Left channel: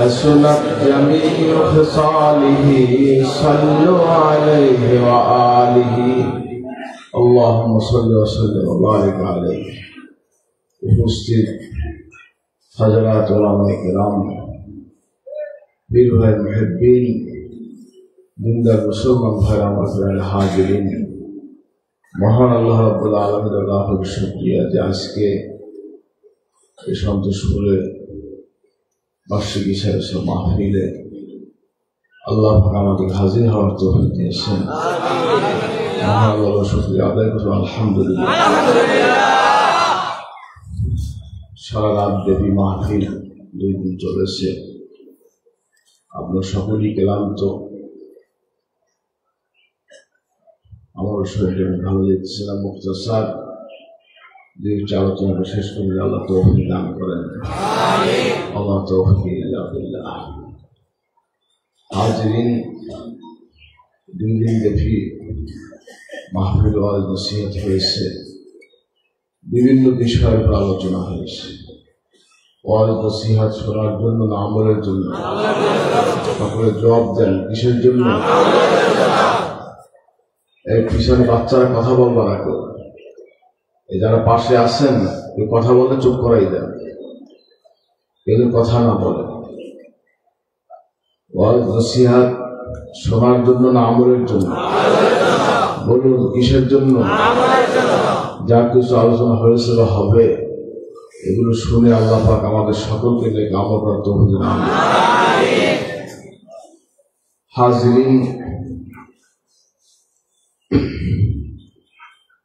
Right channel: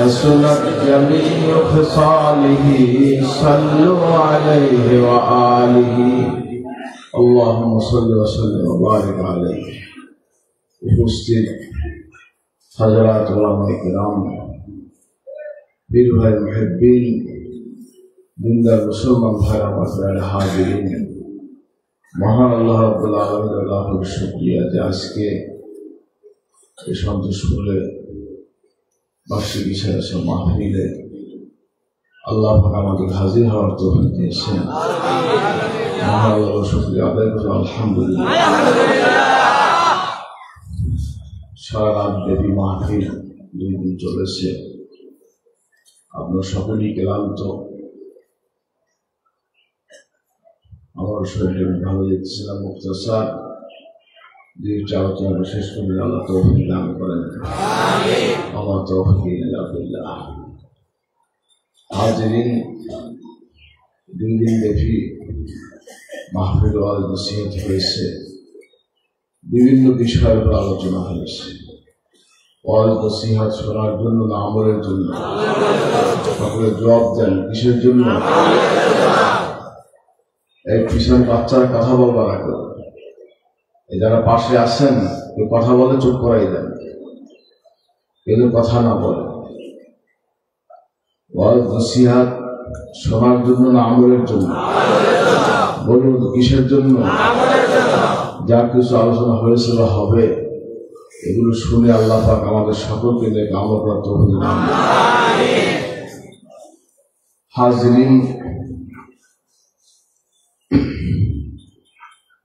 حسنت جميع خصاله صلوا عليه وآله اللهم صل وسلم وبارك عليه উপস্থিত হযরত উলামায়ে কিরাম বীর ভাই মুহিব্বিন দিনদার মুসলমান ভাইরা মাসআল হাজিরিন মহান আল্লাহ রাব্বুল আলামিনের লাখো শুকরিয়া যে আজকে এই সন্তোষপুরে বার্ষিক ইশারা মাহফিলে আল্লাহ আমাদের হাজির হওয়ার তৌফিক দিয়েছেন। মহান আল্লাহর শুকরিয়া আদায় করি আলহামদুলিল্লাহ। সারা রাত ব্যাপী মাহফিল 2 দিন চলেছে। আপনার সকলেই ক্লান্ত, আমার শরীরে ভালো যাচ্ছে না। মুক্তাসার দুইটা আলোচনা শেষ করে আল্লাহ তৌফিক দান করেন। আল্লাহ তৌফিক বিল্লাহ। হাজিরিন, 2 দিন ব্যাপী মাহফিল ওয়াজ নসিহত হয়েছে, বিভিন্ন বিষয়ের উপর আলোচনা হয়েছে। ওয়াজ নসিহত শোনার জন্য না আমলের জন্য? সকলে জবাব দেন, কিসের জন্য? এই পিছনে বাচ্চারা কথা বলবা না কেউ, এই যারা পাশে আছেন কেউ কথা বলে চুপ করাই দেন, কেউ কথা না বলে। ওয়াজ নসিহত শোনার জন্য না আমলের জন্য? বলুন কিসের জন্য? যা কিছু আলোচনা হয়েছিল হবে, এগুলো শুনে আল্লাহ পাক আমাদের সকলকে দেখে আমল করার তৌফিক দান করুন। হাজিরিন,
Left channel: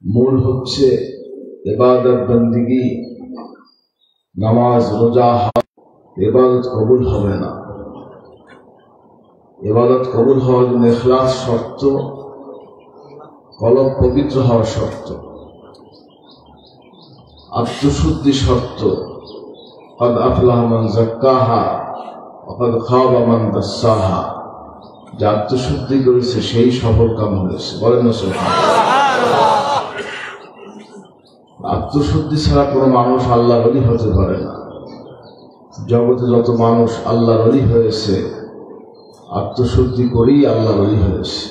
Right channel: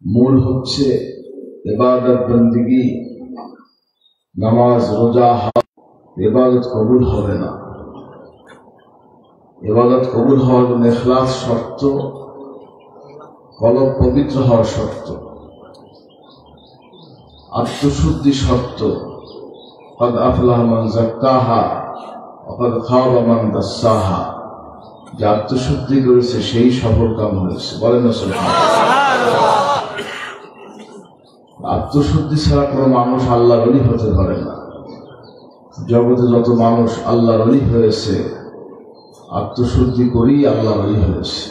মূল হচ্ছে ইবাদত বন্দেগী, নামাজ রোজা হজ, ইবাদত কবুল হবে না। ইবাদত কবুল হওয়ার জন্য ইখলাস শর্ত, কলব পবিত্র হওয়া শর্ত, আত্মশুদ্ধি শর্ত। قد أفلح من زكاها وقد خاب من دساها। যে আত্মশুদ্ধি করেছে সেই সফল কাম হয়েছে, বলেন না সুবহানাল্লাহ। আত্মশুদ্ধি ছাড়া কোনো মানুষ আল্লাহর ওলি হতে পারে না। জগতে যত মানুষ আল্লাহর ওলি হয়েছে আত্মশুদ্ধি করেই আল্লাহর ওলি হয়েছে।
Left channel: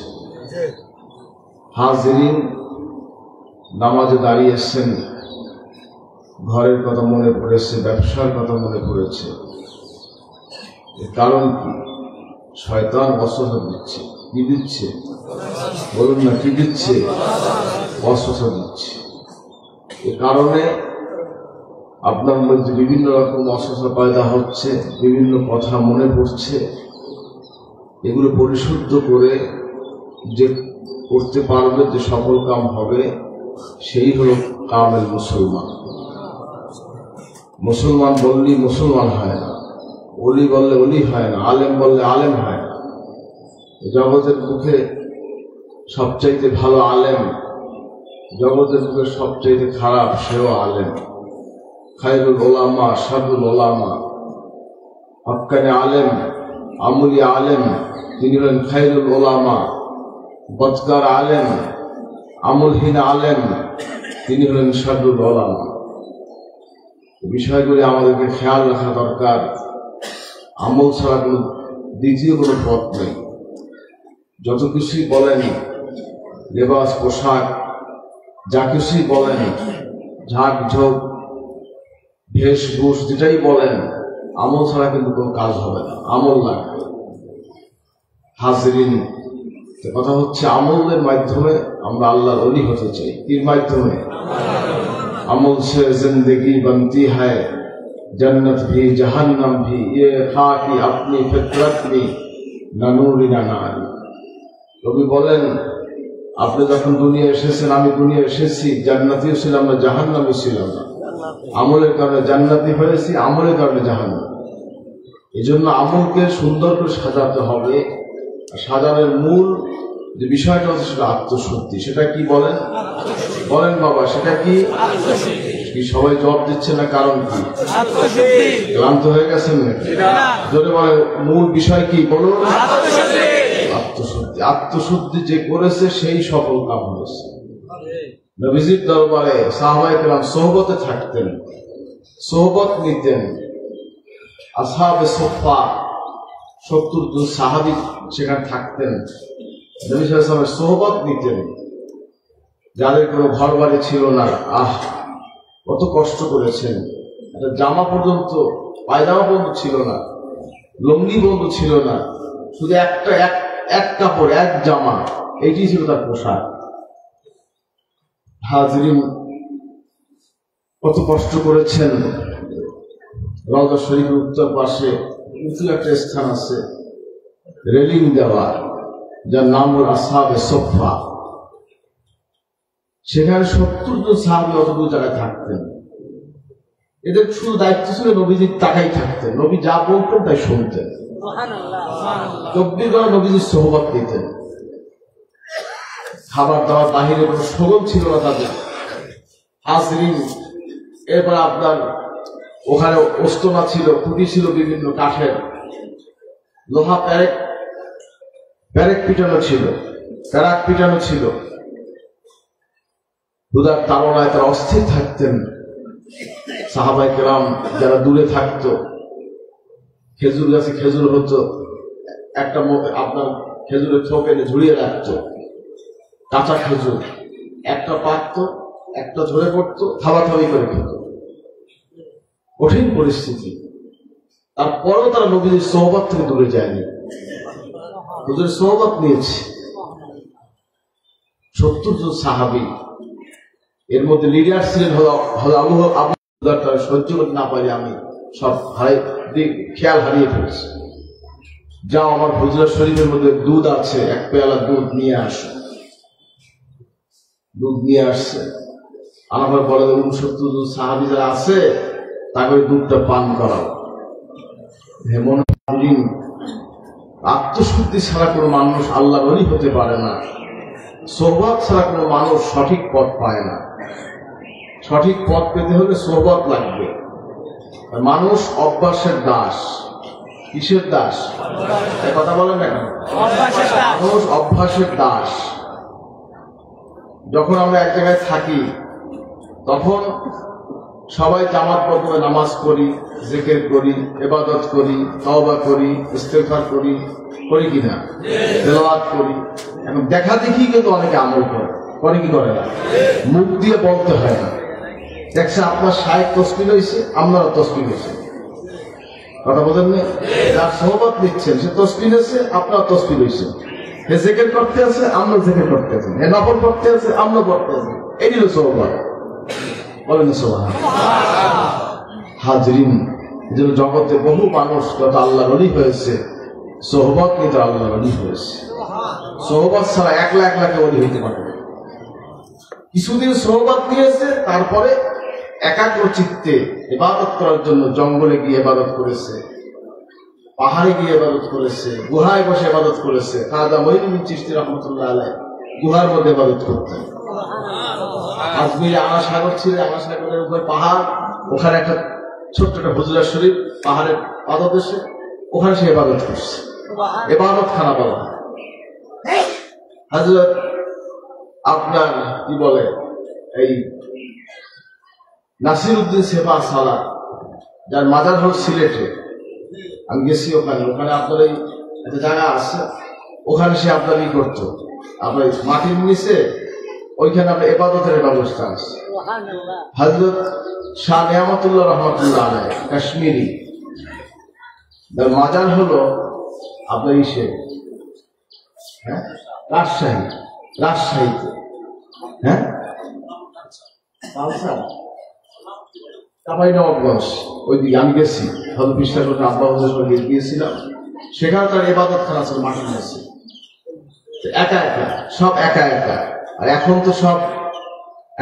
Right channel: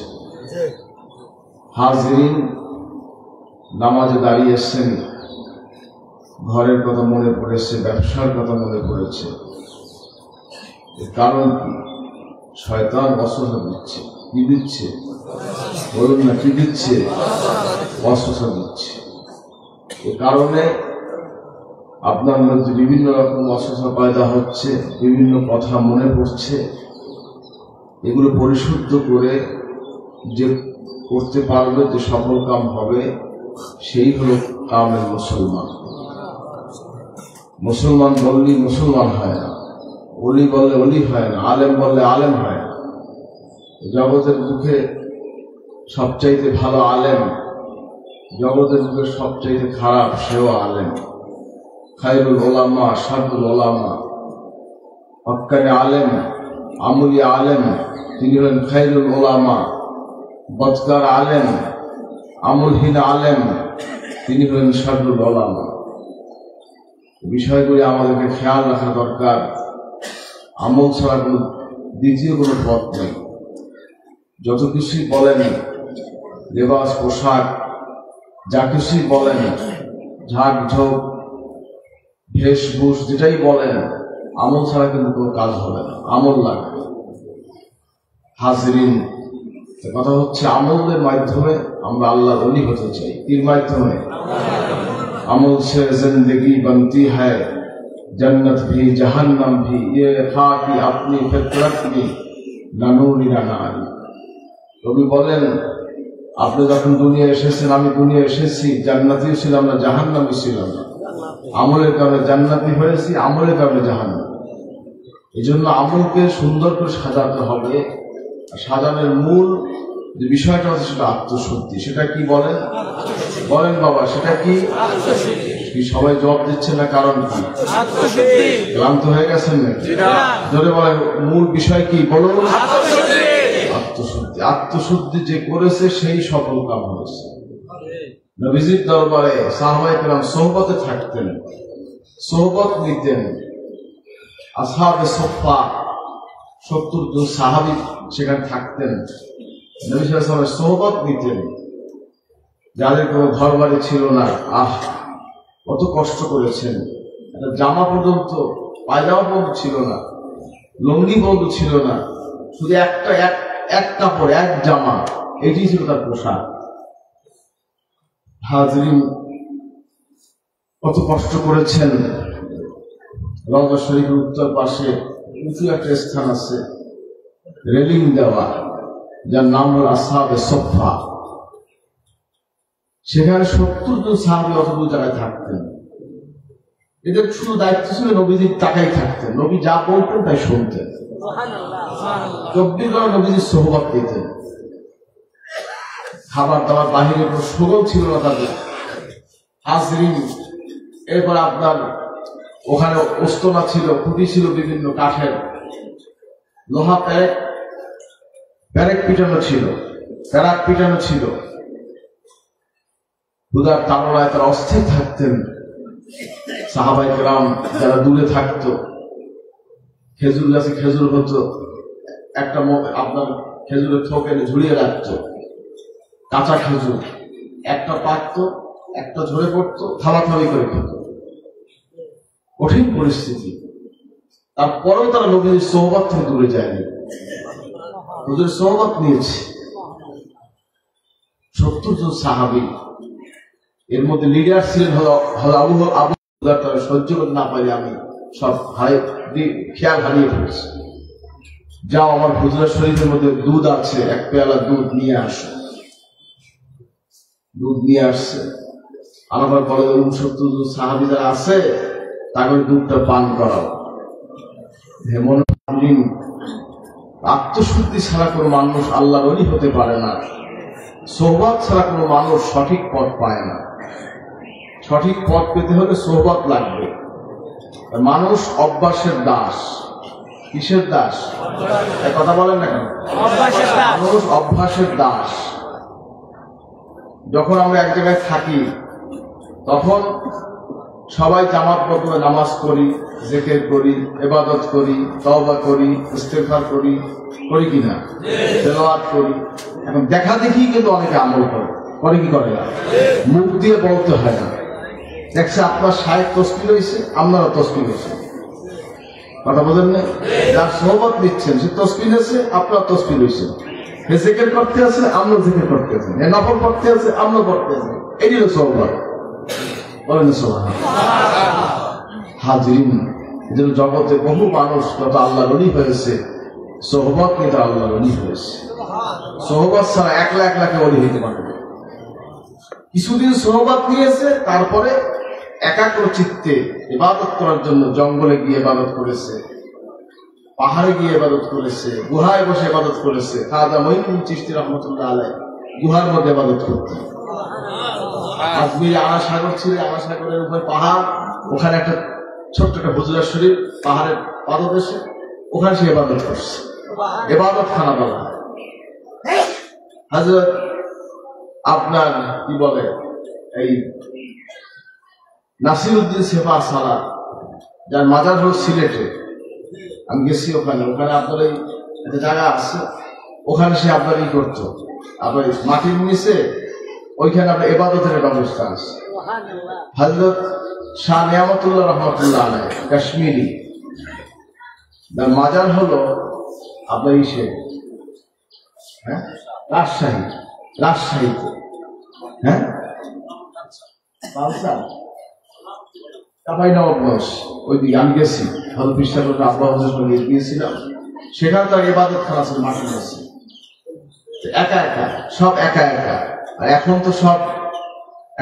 হাজিরিন, নামাজে দাঁড়িয়েছেন, ঘরের কথা মনে পড়েছে, ব্যবসার কথা মনে পড়েছে, এর কারণ কি? শয়তান ওয়াসওয়াসা দিচ্ছে। কি দিচ্ছে? বলুন না, কি দিচ্ছে? ওয়াসওয়াসা দিচ্ছে। এ কারণে আপনার মধ্যে বিভিন্ন রকম ওয়াসওয়াসা পয়দা হচ্ছে, বিভিন্ন কথা মনে পড়ছে। এগুলো পরিশুদ্ধ করে যে করতে পারবে, যে সফল কাম হবে, সেই হল কামেল মুসলমান। মুসলমান বললেই মুসলমান হয় না, ওলি বললে ওলি হয় না, আলেম বললে আলেম হয় না। জগতের মুখে সবচাইতে ভালো আলেম, জগতের মুখে সবচাইতে খারাপ সেও আলেম। খায়রুল উলামা শাররুল উলামা। হক্কানি আলেম, আমুলি আলেম, তিনি হলেন খায়রুল উলামা। বদকার আলেম, আমলহীন আলেম, তিনি হলেন শাররুল উলামা। বিষয়গুলি আমাদেরকে খেয়াল রাখা দরকার। আমল ছাড়া কোনো দ্বিতীয় কোনো পথ নেই। যত কিছুই বলেন, লেবাস পোশাক, যা কিছুই বলেন, ঝাঁক ঝোঁক বেশভূষ যেটাই বলেন, আমল ছাড়া কিন্তু কোনো কাজ হবে না, আমল লাগবে। হাজিরিন, কথা হচ্ছে আমলের মাধ্যমে আমরা আল্লাহর ওলি হতে চাই। এর মাধ্যমে अमल से जिंदगी बनती है, जन्नत भी जहन्नम भी, ये खाकी अपनी फितरत में ना नूरी ना नारी। কবি বলেন, আপনি যখন দুনিয়া এসেছেন, আমি দুনিয়া এসেছি, জান্নাতিও ছিলাম না, জাহান্নামী ছিলাম না। আমলের কারণে জান্নাতি হয়েছি, আমলের কারণে জাহান্নাম। এই জন্য আমলকে সুন্দর করে সাজাতে হবে। সাজানোর মূল যে বিষয়টা হচ্ছে সেটা আত্মশুদ্ধি। সেটা কি বলেন? বলেন বাবা, সেটা কি? কি সবাই জবাব দিচ্ছে না? কারণ কি? আত্মশুদ্ধি। ক্লান্ত হয়ে গেছেন নাকি? ধরে বলে মূল বিষয় কি? বলুন। আত্মশুদ্ধি। আত্মশুদ্ধি যে করেছে সেই সফল কাম হয়েছে। নবীজির দরবারে সাহাবায়ে কেরাম সোহবতে থাকতেন, সোহবত নিতেন। আসহাবে সুফফা 70 জন সাহাবী সেখানে থাকতেন, নবী সাল্লাল্লাহু আলাইহি ওয়াসাল্লামের সোহবত নিতেন, যাদের কোনো ঘর বাড়ি ছিল না। কত কষ্ট করেছেন, একটা জামা পর্যন্ত, পায়জামা পর্যন্ত ছিল না, লুঙ্গি পর্যন্ত ছিল না, শুধু এক কাপড়, এক জামা, এটি ছিল তার পোশাক। হাজরিন, কত কষ্ট করেছেন। রওজা শরীফের উত্তর পাশে উঁচু একটা স্থান আছে, রেলিং দেওয়া, যার নাম হল আসহাবে সুফফা। সেখানে 70 জন সাহাবী অতদূর জায়গায় থাকতেন। এদের শুধু দায়িত্ব ছিল নবীজির তাকাই থাকতেন, নবী যা বলতেন তাই শুনতেন, 24 ঘন্টা নবীজির সোহবত পেতেন। খাবার দাবার বাহিরে কোনো সরল ছিল না তাদের। হাজরিন, এবার আপনার ওখানে ওস্তনা ছিল, খুঁটি ছিল বিভিন্ন কাঠের, লোহা প্যারেক পিটানো ছিল, প্যারাক পিটানো ছিল। দুধার তারণায় তারা অস্থির থাকতেন। সাহাবায়ে কেরাম যারা দূরে থাকতো, খেজুর গাছে খেজুর হতো, একটা আপনার খেজুরের থোক এনে ঝুড়িয়ে রাখতো, কাঁচা খেজুর, একটা পাকতো, একটা ঝরে পড়তো, থালাথালি করে খেত। কঠিন পরিস্থিতি, তারপরেও তারা নবীর সোহবত থেকে দূরে যায়নি, নবীর সোহবত নিয়েছে। 70 জন সাহাবী, এর মধ্যে লিডার ছিলেন আবু সহ্য করতে না পারি আমি সব খেয়াল হারিয়ে ফেলছি। যাও, আমার হুজুরা শরীফের মধ্যে দুধ আছে, এক পেয়ালা দুধ নিয়ে আসো। দুধ নিয়ে আসছে, আমার বলে 70 জন সাহাবী যারা আছে তাকে দুধটা পান করাও। হেমন আত্মশুদ্ধি ছাড়া কোনো মানুষ আল্লাহ ওলি হতে পারে না, সোহবত ছাড়া কোনো মানুষ সঠিক পথ পায় না। সঠিক পথ পেতে হলে সোহবত লাগবে। মানুষ অভ্যাসের দাস। কিসের দাস? কথা বলেন না কেন? মানুষ অভ্যাসের দাস। যখন আমরা এক জায়গায় থাকি তখন সবাই জামাতবদ্ধ নামাজ পড়ি, জিকির করি, ইবাদত করি, তওবা করি, ইস্তেগফার করি, করি কিনা? তেলাওয়াত করি। এখন দেখা দেখি কিন্তু অনেকে আমল করে কি করে না, মুখ দিয়ে বলতে হয় না। দেখছে আপনার শায়েখ তসবিহ হয়েছে, আপনারা তসবিহ হয়েছে, কথা বলেন না? যার সোহবত নিচ্ছেন সে তসবিহ হয়েছে, আপনার তসবিহ হয়েছে। হে জিকির করতে আছে, আমরা জিকির করতে আছি, হে নফল করতে আছে, আমরা করতে আছি। এটি হলো সোহবত। বলেন সুবহানাল্লাহ। হাজরিন, যেন জগতে বহু মানুষ কত আল্লাহর ওলি হয়েছে, সোহবত নিয়ে তো আল্লাহর ওলি হয়েছে। সোহবত ছাড়া একলা একলা ওলি হইতে পারবে। কিছুদিন সোহবত নিয়েছে, তারপরে একাগ্র চিত্তে ইবাদত করার জন্য জঙ্গলে গিয়ে ইবাদত করেছে, পাহাড়ে গিয়ে ইবাদত করেছে, গুহায় বসে ইবাদত করেছে। খাজা মঈনুদ্দিন চিশতি রাহমাতুল্লাহ আলাইহি গুহার মধ্যে ইবাদত করতেন। আজমিরে আনাসাগর ছিল, আনাসাগরের উপরে পাহাড়, ওখানে একটা ছোট্ট একটা হুজরা শরীফ পাহাড়ের পাদদেশে, ওখানে সে ইবাদত করছে। ইবাদত খানা বলা হয়। হযরত আপনার কি বলে, এই নাসিরউদ্দিন সেফা সারা, যার মাজার হল সিলেটে, আমি গেছি ওখানে আপনার এই একটা জায়গা আছে, ওখানে সে আপনার ই করতো, আপনার মাটির নিচে ওইখানে আপনার ইবাদতের ব্যবস্থা আছে। হযরত শাহ নিয়ামতুল্লাহ রহমাতুল্লাহ আলাইহি কাশ্মীরি, যার মাজার হলো আপনার ইসে, হ্যাঁ, রাজশাহীতে, হ্যাঁ, চাঁপাইনবাবগঞ্জ, ওইদিকে আমি গেছি, হযরত বিশ্বাস গিয়েছিলাম। সেখানে তার ইবাদত খানা আছে, মাটির আছে, একা একা, সব একা একা। আর এখন তো সব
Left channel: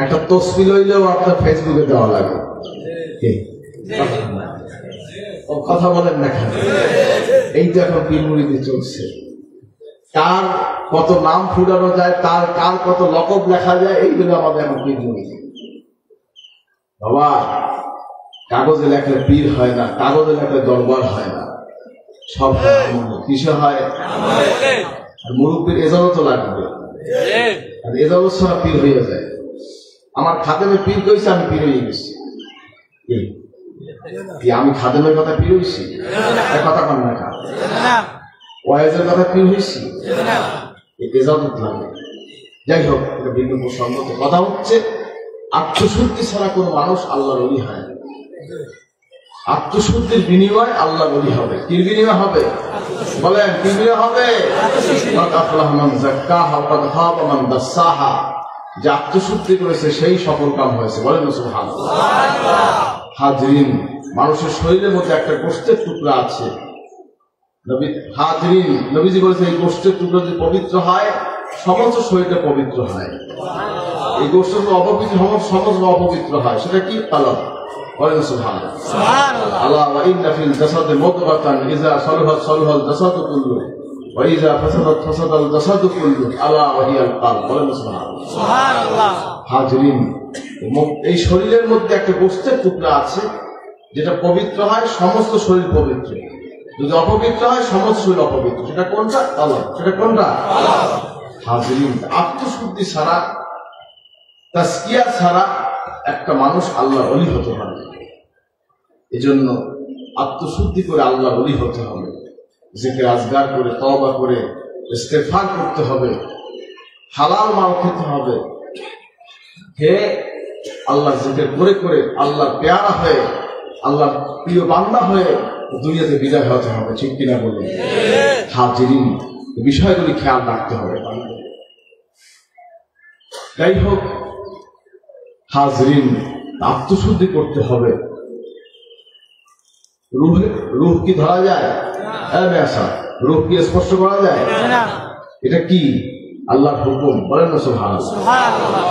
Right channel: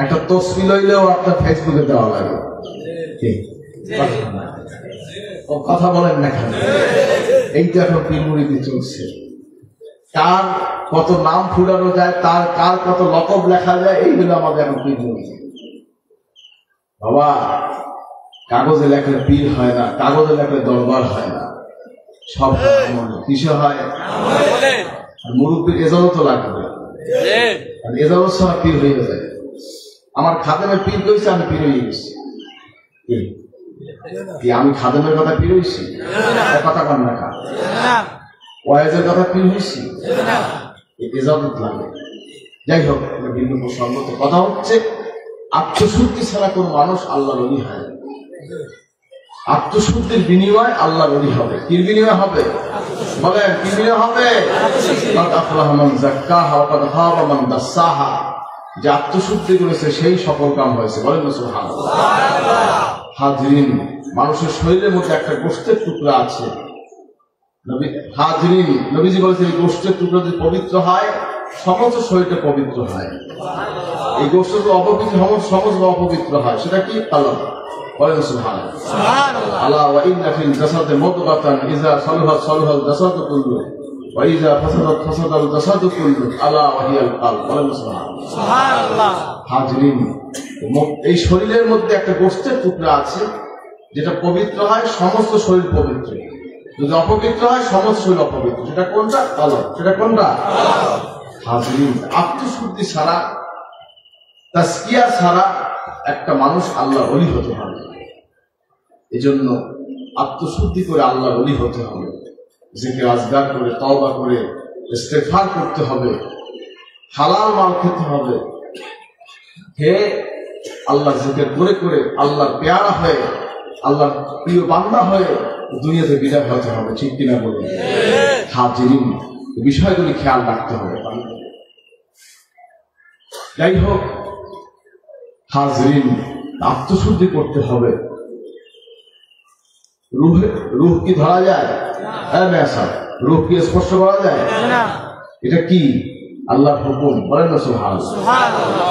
একটা তসবিহ লইলেও আপনার ফেসবুকে দেওয়া লাগে। কথা বলেন না কেন? এই তো এখন পীরমুরিদি চলছে। কার কত নাম ফুলানো যায়, তার কার কত লকব লেখা যায়, এইগুলো আমাদের এখন পীরমুরিদি। বাবা, কাগজে লেখলে পীর হয় না, কাগজে লেখলে দরবার হয় না, সব কিসে হয়? মুরব্বীর এজাজত লাগবে, এজাজত ছাড়া পীর হয়ে যায়। আমার খাদেমের পীর করেছে, আমি পীর হয়ে গেছি। আমি খাদেমের কথা পীর হয়েছি, কথা কন না। ওয়াইজের কথা কি হয়েছি এজাজত লাগে। যাই হোক, এটা ভিন্ন প্রসঙ্গ। কথা হচ্ছে আত্মশুদ্ধি ছাড়া কোনো মানুষ আল্লাহর ওলি হয় না। আত্মশুদ্ধির বিনিময় আল্লাহর ওলি হবে। কি বিনিময় হবে বলেন? কি বিনিময় হবে? যে আত্মশুদ্ধি করেছে সেই সফল কাম হয়েছে। বলেন সুবহানাল্লাহ। হাজরিন, মানুষের শরীরের মধ্যে একটা গোশতের টুকরা আছে। হাজরিন, নবীজি বলেছে এই গোশতের টুকরা যদি পবিত্র হয় সমস্ত শরীরটা পবিত্র হয়। এই গোশত অপবিত্র সমস্ত অপবিত্র হয়। সেটা কি? তালাক। বলেন সুবহানাল্লাহ। আল্লাহ ওয়া ইন্না ফিল জাসাদি মুদগাতান ইযা সালাহাত সালাহাল জাসাদু কুল্লুহু ওয়া ইযা ফাসাদাত ফাসাদাল জাসাদু কুল্লুহু আলা ওয়া হিয়াল কলব। বলেন সুবহানাল্লাহ। হাজরিন, এই শরীরের মধ্যে একটা গোশতের টুকরা আছে যেটা পবিত্র হয় সমস্ত শরীর পবিত্র, যদি অপবিত্র হয় সমস্ত শরীর অপবিত্র। সেটা কোনটা? তালাক। সেটা কোনটা? হাজরিন, আত্মশুদ্ধি ছাড়া, তাজকিয়া ছাড়া একটা মানুষ আল্লাহর ওলি হতে হবে। এজন্য আত্মশুদ্ধি করে আল্লাহর ওলি হতে হবে। জিকির আজগার করে, তওবা করে, ইস্তেগফার করতে হবে, হালাল মাল খেতে হবে। হে আল্লাহ জিকির করে করে আল্লাহর পেয়ারা হয়ে, আল্লাহর প্রিয় বান্দা হয়ে দুনিয়াতে বিদায় হতে হবে। ঠিক কিনা বলবেন? হাজরিন, বিষয়গুলি খেয়াল রাখতে হবে। যাই হোক হাজরিন, আত্মশুদ্ধি করতে হবে। রূহ কি ধরা যায়? রূহ কি স্পর্শ করা যায়? এটা কি? আল্লাহর হুকুম। বলেন না সুবহানাল্লাহ।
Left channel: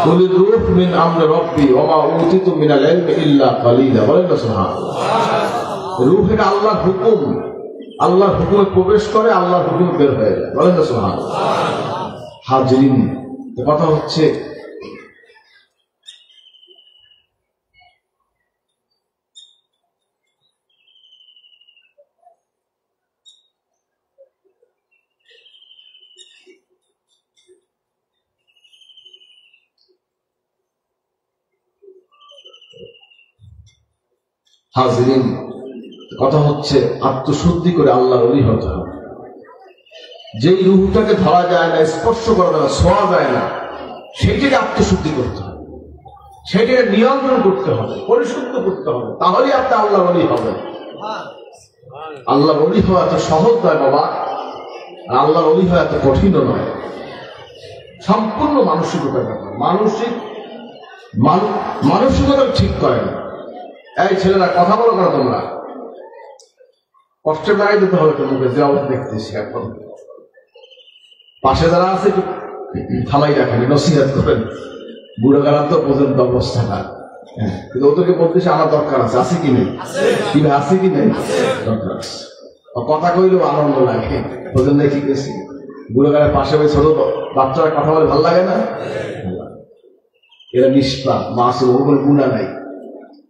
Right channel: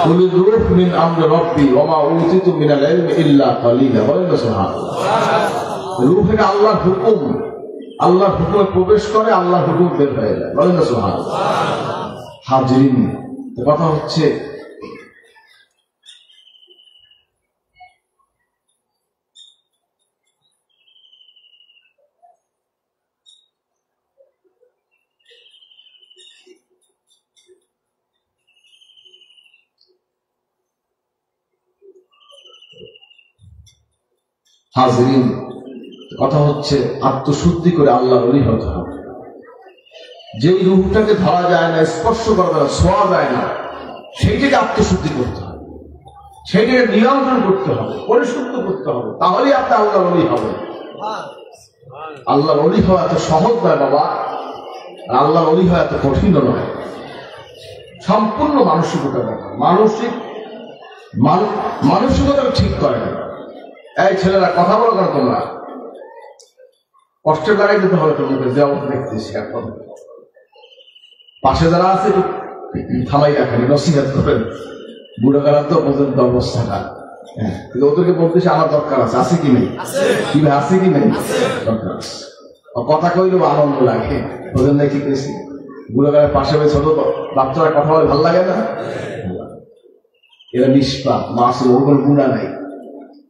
কুলি রূহ মিন আমরি রাব্বি ওয়া মা উতিতু মিনাল ইলমি ইল্লা কালিলা। বলেন না সুবহানাল্লাহ। রূহ এটা আল্লাহর হুকুম। আল্লাহর হুকুমে প্রবেশ করে, আল্লাহর হুকুম বের হয়ে যায়। বলেন না সুবহানাল্লাহ। হাজরিন, কথা হচ্ছে হাজরিন, কথা হচ্ছে আত্মশুদ্ধি করে আল্লাহর ওলি হতে হবে। যেই রূহটাকে ধরা যায় না, স্পর্শ করা যায় না, ছোঁয়া যায় না, সেইটাকে আত্মশুদ্ধি করতে হবে, সেইটাকে নিয়ন্ত্রণ করতে হবে, পরিশুদ্ধ করতে হবে। তাহলেই আপনি আল্লাহর ওলি হবেন। আল্লাহর ওলি হওয়া এত সহজ নয় বাবা, আর আল্লাহর ওলি হওয়া এত কঠিন নয়। সম্পূর্ণ মানসিকতা ব্যাপার। মানসিকতা ঠিক করে না। এই ছেলেরা কথা বলো না, তোমরা কষ্টে বাড়াই দিতে হবে তোমাকে। যে অবস্থা দেখতেছি এখন, পাশে যারা আছে একটু থামাই রাখেন, নসিহাত করেন। বুড়ো কালান্ত পর্যন্ত অবস্থাটা, হ্যাঁ, কিন্তু ওদেরকে বলতেছে আমার দরকার আছে। আছে কি নেই? আছে কি নেই? দরকার আছে। কথা কইলেও আনন্দ লাগে। ওদের দেখি গেছি বুড়ো কালের পাশে ছোট বাচ্চারা কথা বলে ভালো লাগে না? এরা নিষ্পাপ, মাসে ওগুলো গুণা নাই।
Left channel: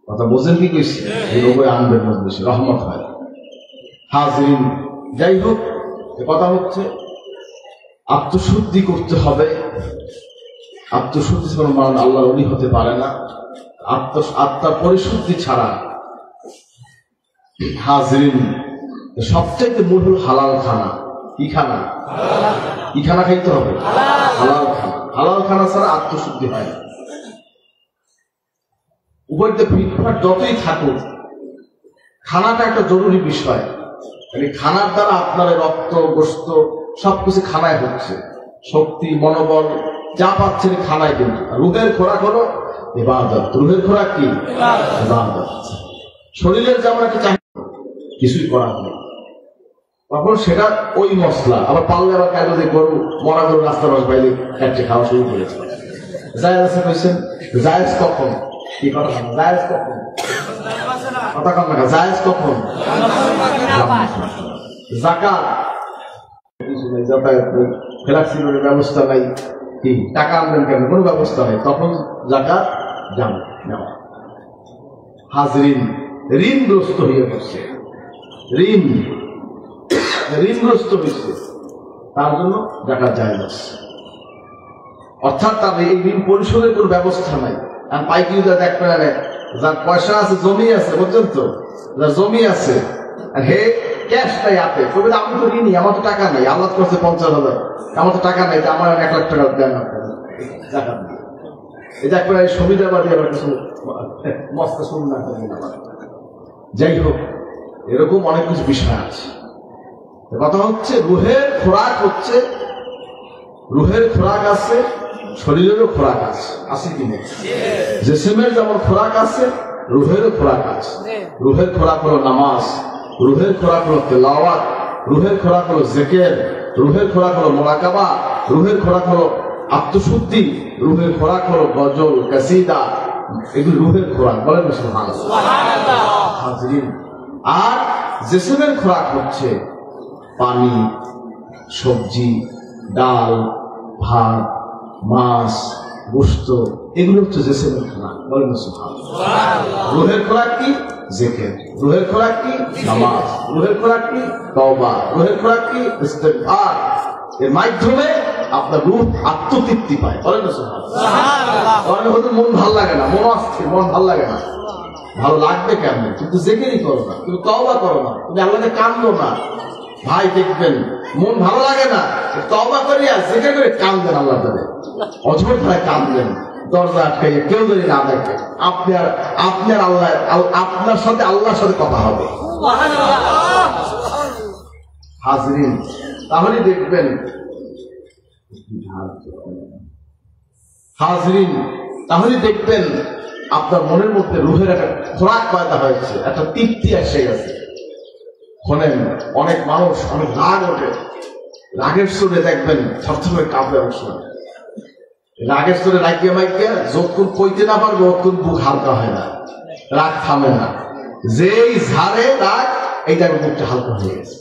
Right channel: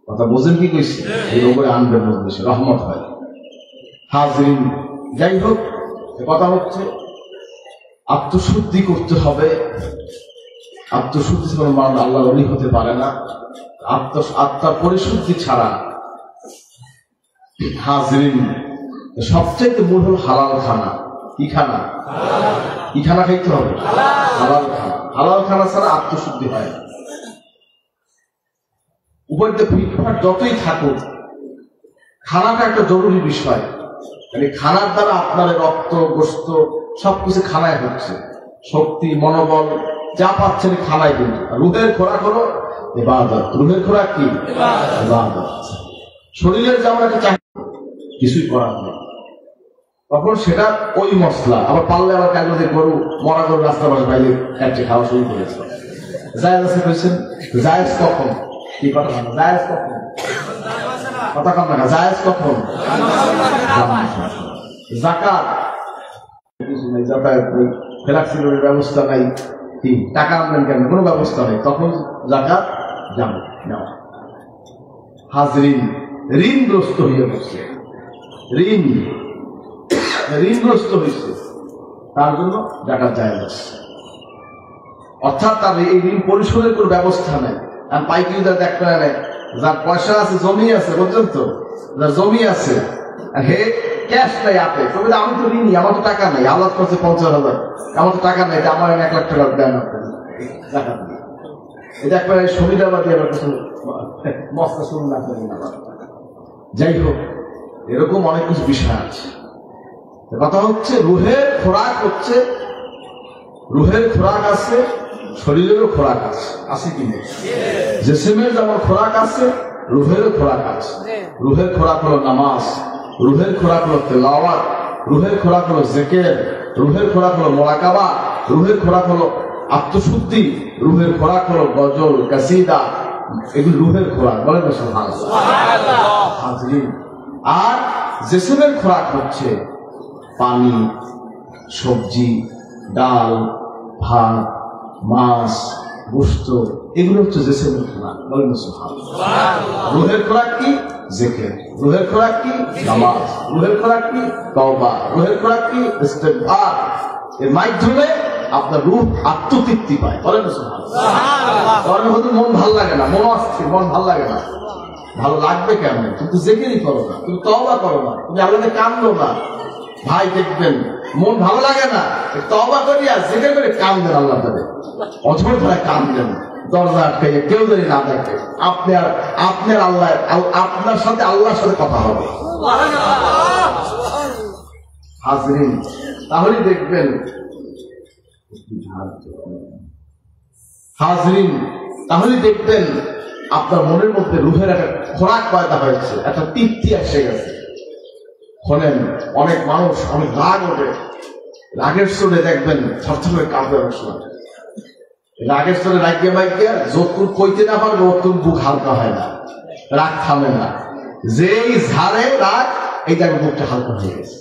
কথা বোঝেন কি কইছে? এইভাবে আনবেন মধ্যে রহমত হয়। হাজরিন, যাই হোক, কথা হচ্ছে আত্মশুদ্ধি করতে হবে। আত্মশুদ্ধি ছাড়া মানুষ আল্লাহর ওলি হতে পারে না। আত্মার পরিশুদ্ধি ছাড়া। হাজরিন, সবচেয়ে মূল হল হালাল খানা। কি খানা? কি খানা খাইতে হবে? হালাল খানা। হালাল খানা ছাড়া আত্মশুদ্ধি হয় না। উভয়তে ফিটফাট যতই থাকুক, খানাটা একটা জরুরি বিষয়। মানে খানার দ্বারা আপনার রক্ত, গোশত সবকিছু খানায় হচ্ছে। শক্তি, মনোবল যা পাচ্ছেন খানায়। কিন্তু রুহের খোরাক হলো ইবাদত। রুহের খোরাক কি? ইবাদত। শরীরের যেমন একটা চাহিদা, কিছুই করার নেই, তখন সেটা ওই মশলা। আবার পারলে আবার কাজে যে গরু, মরা গরু রাস্তা বাইরে খাচ্ছে, খাওয়া শুরু করেছে। জায়েজ আছে কইছেন? জায়েজ কখন? কি কথা? জায়েজ কখন? কথা কম না। জায়েজ কখন? যাকাত কিছু নেই, যাতায়াত নেই, ফ্লেক্সিবল ব্যবস্থা নেই, কি টাকা আনবেন কেন? কোনো ব্যবস্থা নেই, তখন যাকাত যাবে না। হাজরিন, ঋণগ্রস্ত হয়ে গেছে, ঋণগ্রস্ত হয়েছে, তার জন্য যাকাত জায়েজ আছে। অর্থাৎ তার এই ঋণ পরিশোধের কোন ব্যবস্থা নেই। আর পাইকারি দেখবে না, যার পয়সা আছে, জমি আছে, বুঝছেন তো, যার জমি আছে, হে ক্যাশ নাই হাতে, কবিতা আমি তো ঋণী, আমার তো টাকা নেই, আল্লাহ করছে 50,000, আমার তো টাকা নেই, আমার 1 লাখ টাকা দেন টাকা দিয়ে। এটা একবারে সুবিধাবাদী মস্ত শুনুন না। যাই হোক, এরকম অনেক কিছু বিষয় আছে। কথা হচ্ছে রুহের খোরাক হচ্ছে, রুহের খোরাক আছে, শরীরেরও খোরাক আছে, আছে কি নেই? জিসমের যেমন খোরাক আছে, রুহেরও খোরাক আছে। রুহের খোরাক হলো নামাজ, রুহের খোরাক হলো তেলাওয়াত, রুহের খোরাক হলো জিকির, রুহের খোরাক হলো মুরাকাবা, রুহের খোরাক হলো আত্মশুদ্ধি, রুহের খোরাক হলো গজল কাসিদা, এগুলো রুহের খোরাক। বলেন না সুবহানাল্লাহ। আর জিসমের খোরাক হচ্ছে পানি, সবজি, ডাল, ভাত, মাছ, গোশত, এগুলো হচ্ছে জিসমের খোরাক। বলেন না সুবহানাল্লাহ। রুহের খোরাক কি? জিকির। রুহের খোরাক কি? নামাজ। রুহের খোরাক কি? তওবা। রুহের খোরাক কি? ইস্তিগফার। এর মাধ্যমে আপনার রূহ আত্মতৃপ্তি পায়। বলেন না সুবহানাল্লাহ। কারণ হয়তো মন ভালো লাগে না, মন অস্থির, মন ভালো লাগে না। ভালো লাগবে কেন? কিন্তু জিকিরই করো না, তুমি তওবা করো না, তুমি আল্লাহকে কাঁদলো না। ভাই দেখবেন মন ভালো লাগে না, তওবা করিয়া জিকির করে কাঁদবেন, আল্লাহ করে অঝর ধারায় কাঁদবেন, দরজা আটকে কেউ যদি না দেখে, আপনার আল্লাহ, আপনার সাথে আল্লাহর সাথে কথা হবে। হাজরিন, তাহলে দেখবেন, হাজরিন তাহলে দেখবেন আপনার মনের মধ্যে রুহের একটা খোরাক পয়দা হয়েছে, একটা তৃপ্তি এসে গেছে। শোনেন, অনেক মানুষ অনেক রাগ ওঠে, রাগের সুরে দেখবেন থরথরে কাঁপে বসে। রাগের সুরে রাগিয়ে মাইকে যতক্ষণ কইতে না পারবে ততক্ষণ বুক হালকা হয় না, রাগ থামে না। যেই ঝাড়ে রাগ, এইটার বুকটা হালকা হয়ে গেছে।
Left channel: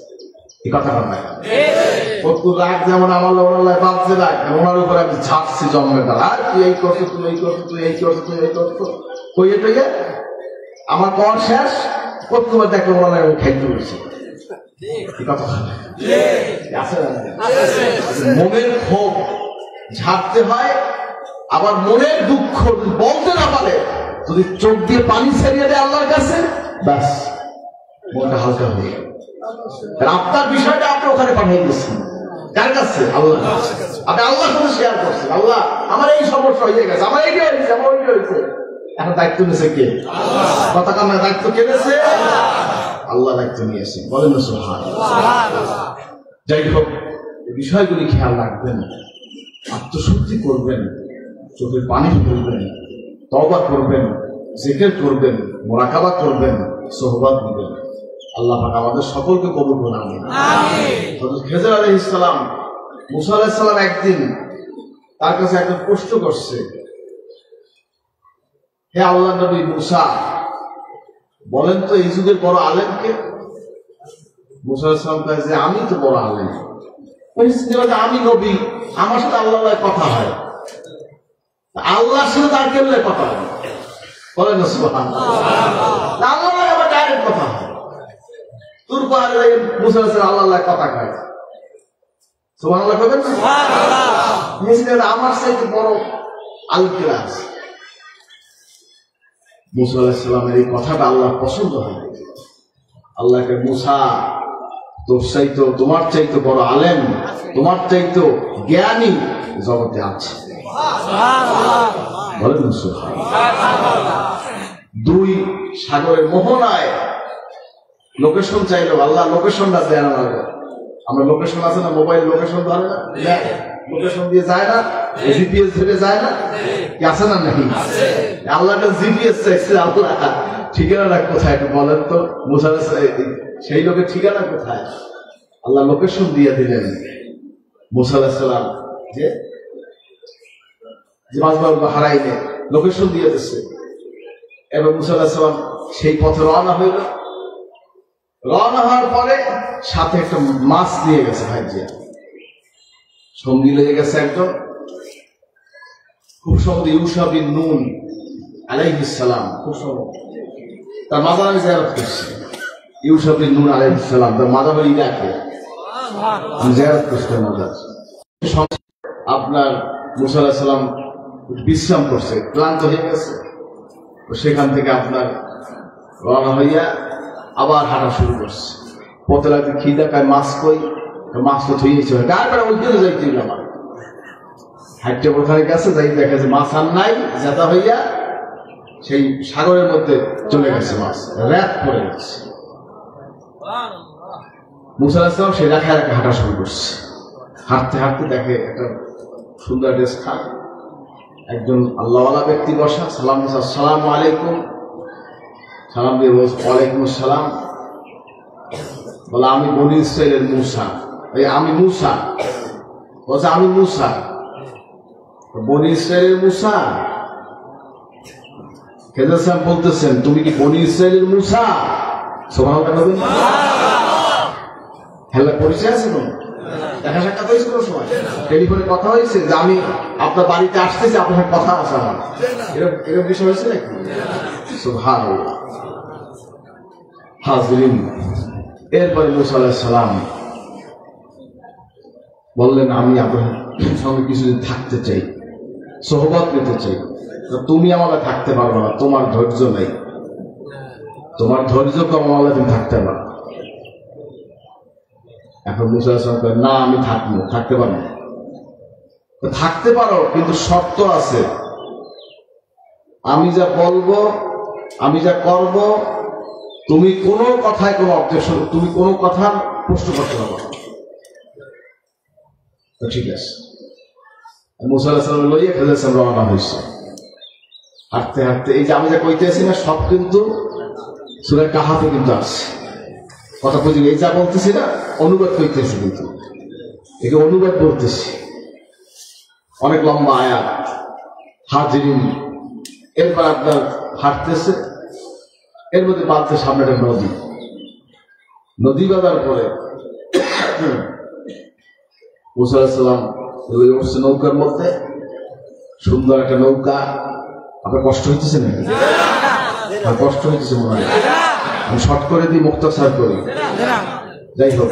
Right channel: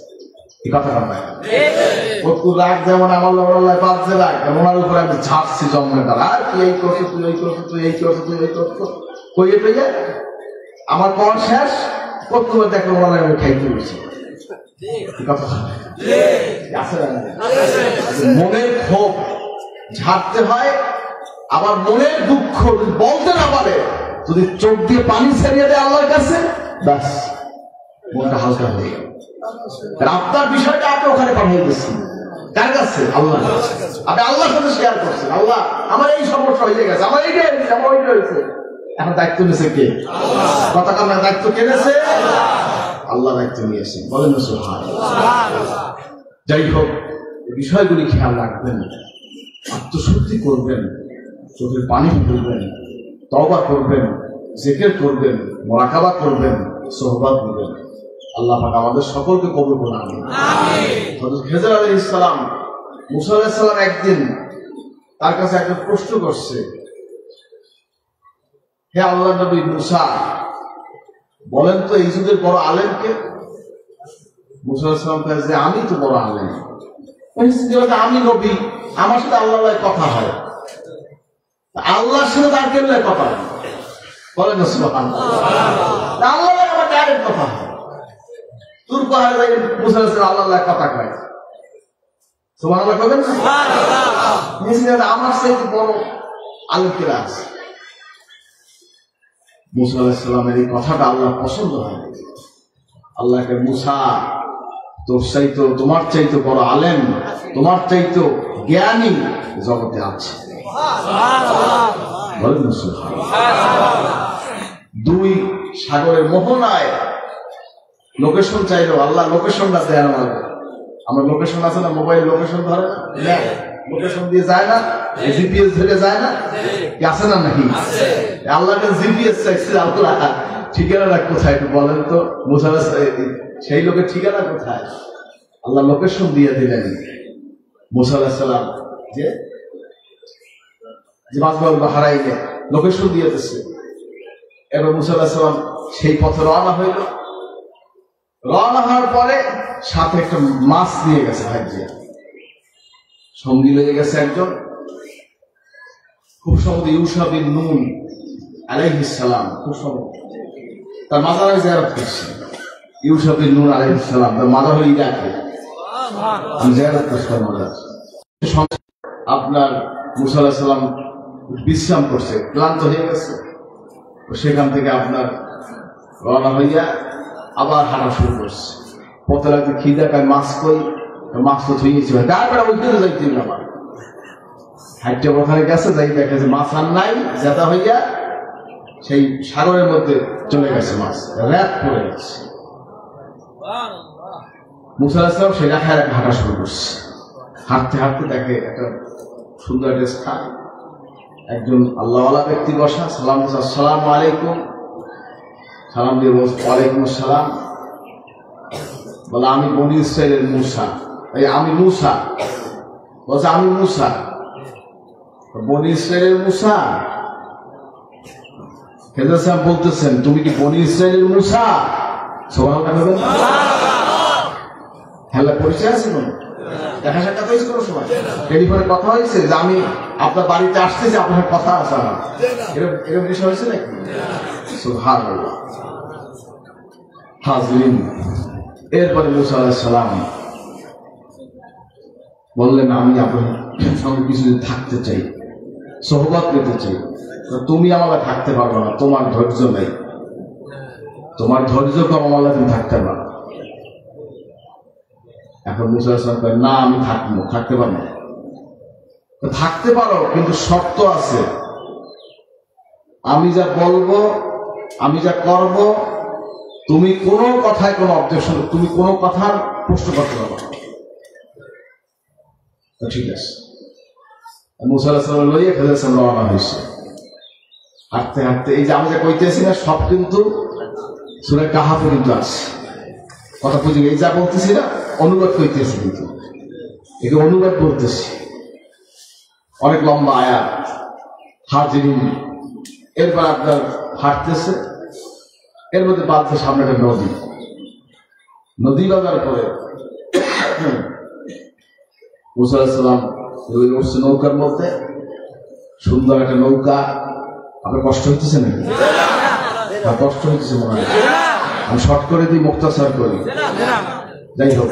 এই কথাটা পায় রাগ যেমন আমার বাড়ছে, রাগ ওনার উপরে আমি ঝাড়ছি জন্মে তারা, আর কি এই করছো তুই, এই করছো তুই, এই করছো তুই, এই করছো কইয়ে টইয়ে আমার কর শেষ করতে দেখো মনে আমি খাইতে বলছি। মনের ক্ষোভ ঝাড়তে হয়, আবার মনের দুঃখ বলতে না পারে, যদি চোখ দিয়ে পানি ছেড়িয়ে দেয় আল্লাহর কাছে, ব্যাস মনটা হালকা হয়ে গেল। আপনার বিষয়টা আপনি ওখানে পাঠিয়ে দিচ্ছেন কার কাছে? আল্লাহ। আপনি আল্লাহর সাথে শেয়ার করছেন, আল্লাহ আমার এই সমস্যা হয়ে গেছে, আমার এইটা হয়েছে, আমার ওইটা হয়েছে। এখন দায়িত্ব নিয়েছে কে? কথা কান্নার দায়িত্ব কে নিয়েছে? আল্লাহ দায়িত্ব নিয়েছেন। বলেন সুবহানাল্লাহ। যাই হোক, বিষয়গুলি খেয়াল রাখবেন, আত্মশুদ্ধি করবেন, চোখের পানি ফেলবেন, তওবা করবেন, জিকির করবেন, মুরাকাবা করবেন, সোহবত করবেন। আল্লাহ পাক আমাদের সকলকে কবুল করুন। আমিন। হযরত খেজর আলাইহিস সালাম, মুসা আলাইহিস সালাম একদিন তার কাছে একটা প্রশ্ন করছে, হে আল্লাহ নবী মুসা, বলেন তো এই যুগের বড় আলেম কে? মুসা আলাইহিস সালাম কয় যে আমি তো বড় আলেম। আমি নবী, আমার সাথে আল্লাহর কথা হয়, আল্লাহর সাথে তার কেমন কথা হয়? বলেন না সুবহানাল্লাহ। আল্লাহ আমার ডাইরেক্ট কথা হয়, তোর পাহাড়ে মুসা আলাইহিস সালাম আল্লাহর কথা কয়। সুবহানাল্লাহ বলেন। সুবহানাল্লাহ। আমার সাথে বড় আলেম কে আছে? মুসা আলাইহিস সালামের এই কথাটা আল্লাহ পছন্দ হয়। আল্লাহকে, মুসা তোর চাইতো, তোমার চাইতো বড় আলেম, তোমার চাইতো জ্ঞানী জগতে আছে। দুই সাগরের মোহনায় লোকেশন চাইলো, আল্লাহ লোকেশনটা দেয় না। আমরা লোকেশন আছে না, মোবাইল লোকেশন ধরে না, লোকেশন দিয়ে যায় না, জিপিএস ধরে যায় না, কি আছে না নাকি? আল্লাহকে জিপিএস চাইছে, আল্লাহ ঠিকানা কোথায় বলেন তো? মুসা সেই লোকের ঠিকানা কোথায়? আল্লাহ লোকেশন দিয়ে দিলেন। মুসা আলাইহিস সালাম যে মাজমাউল বাহরাইনে লোকেশন দিয়ে দিচ্ছে। এবার মুসা আলাইহিস সালাম সেই পথে রওনা হইল। রওনা হওয়ার পরে সাথে একটা মাছ নিয়ে গেছে, ভাইজিয়া সঙ্গী লেগে গেছে একজন, খুব সম্ভবত ইউসা বিন নুন আলাইহিস সালাম, খুব সম্ভবত তার মাজারে জিয়ারত করছে। ইউসা বিন নুন আলাইহিস সালাম তার মাজার হয়ে ইরাকে জিয়ারত করছে। আপনার মুসা আলাইহিস সালাম বিশ্রাম করছে, ক্লান্ত হয়ে গেছে, সেখান থেকে আপনার রওনা হইয়া আবার হাঁটা শুরু করছে। পথে লাগতে খিদা খায়, মাছ কই, মাছ তো ধুয়েছি, তারপরে উঠতে যাইতে আমার হাইটে ওখানে গেছে, যাই দেখে যে মাছ আর নাই, জেতা হইয়া সেই সাগরের মধ্যে চলে গেছে, মাছ র্যাপ পড়ে গেছে। মুসা আলাইহিস সালাম সেটা খেয়ে হাঁটা শুরু করছে। হাঁটতে হাঁটতে দেখে একটা সুন্দর ড্রেস খায়, একজন আল্লাহওয়ালা ব্যক্তি বসা, সালাম আসসালামু আলাইকুম, সালাম দিয়ে বলছে ওয়ালাইকুম সালাম। বলে আমি বনি ইসরাইলের মুসা, এই আমি মুসা। বলছে আমি মুসা, বনি ইসরাইলের মুসা। খেজুর সাহেব বলতেছেন তুমি কি বনি ইসরাইলের মুসা? সুবহানাল্লাহ। হ্যালো, পরিচয় আছে না? দেখা সাক্ষাৎ হয়েছে কোনো সময়? টেলিফোনে কথা হয়েছে যে আমি আপনার বাড়িতে আসতেছি, আপনার কথা আছে, এরকম বিষয় হয়েছে নাকি? সুবহানাল্লাহ। হাজিরিন, এরপরে মুসা আলাইহিস সালাম বললেন আমি আপনার সঙ্গে কিছুদিন থাকতে চাই, সোহবত নিতে চাই। তুমি আমাকে থাকতে পারো না, তোমার ধৈর্য নেই, তোমার ধৈর্য কম, আমাকে তুমি থাকতে পারো। এখন মুসা আলাইহিস সালাম না আমি থাকতে পারবো না। থাকতে পারো, কিন্তু শর্ত আছে, আমি যা বলবো, আমি যা করব, তুমি কোনো কথায় কোনো অবজেকশন, তুমি কোনো কথা প্রশ্ন করতে পারো না। ঠিক আছে, মুসা আলাইহিস সালাম লইয়া খেজুর সাহেব রওনা হয়েছে। হাঁটতে হাঁটতে এই যে আমি যা কইতেছি না, সব কিন্তু সূরা কাহাফে কিন্তু আছে কথা বুঝি। এই যা বলতেছি না অনুবাদ করতেছি, কিন্তু একে অনুবাদ বলতেছি, অনেক লম্বা আয়াত। হাজিরুন, এরপর আপনার হাঁটতেছে, এর মধ্যে বাঁধতে সামনে একটা নদী বাঁধার পরে মুসা আলাইহিস সালাম উঠছে নৌকার মধ্যে, সুন্দর একটা নৌকা। আপনার কষ্ট হচ্ছে নাকি? কষ্ট হচ্ছে মনে হয়, আমি শর্ট করে দিই, মুক্তাসার করি। যাই হোক,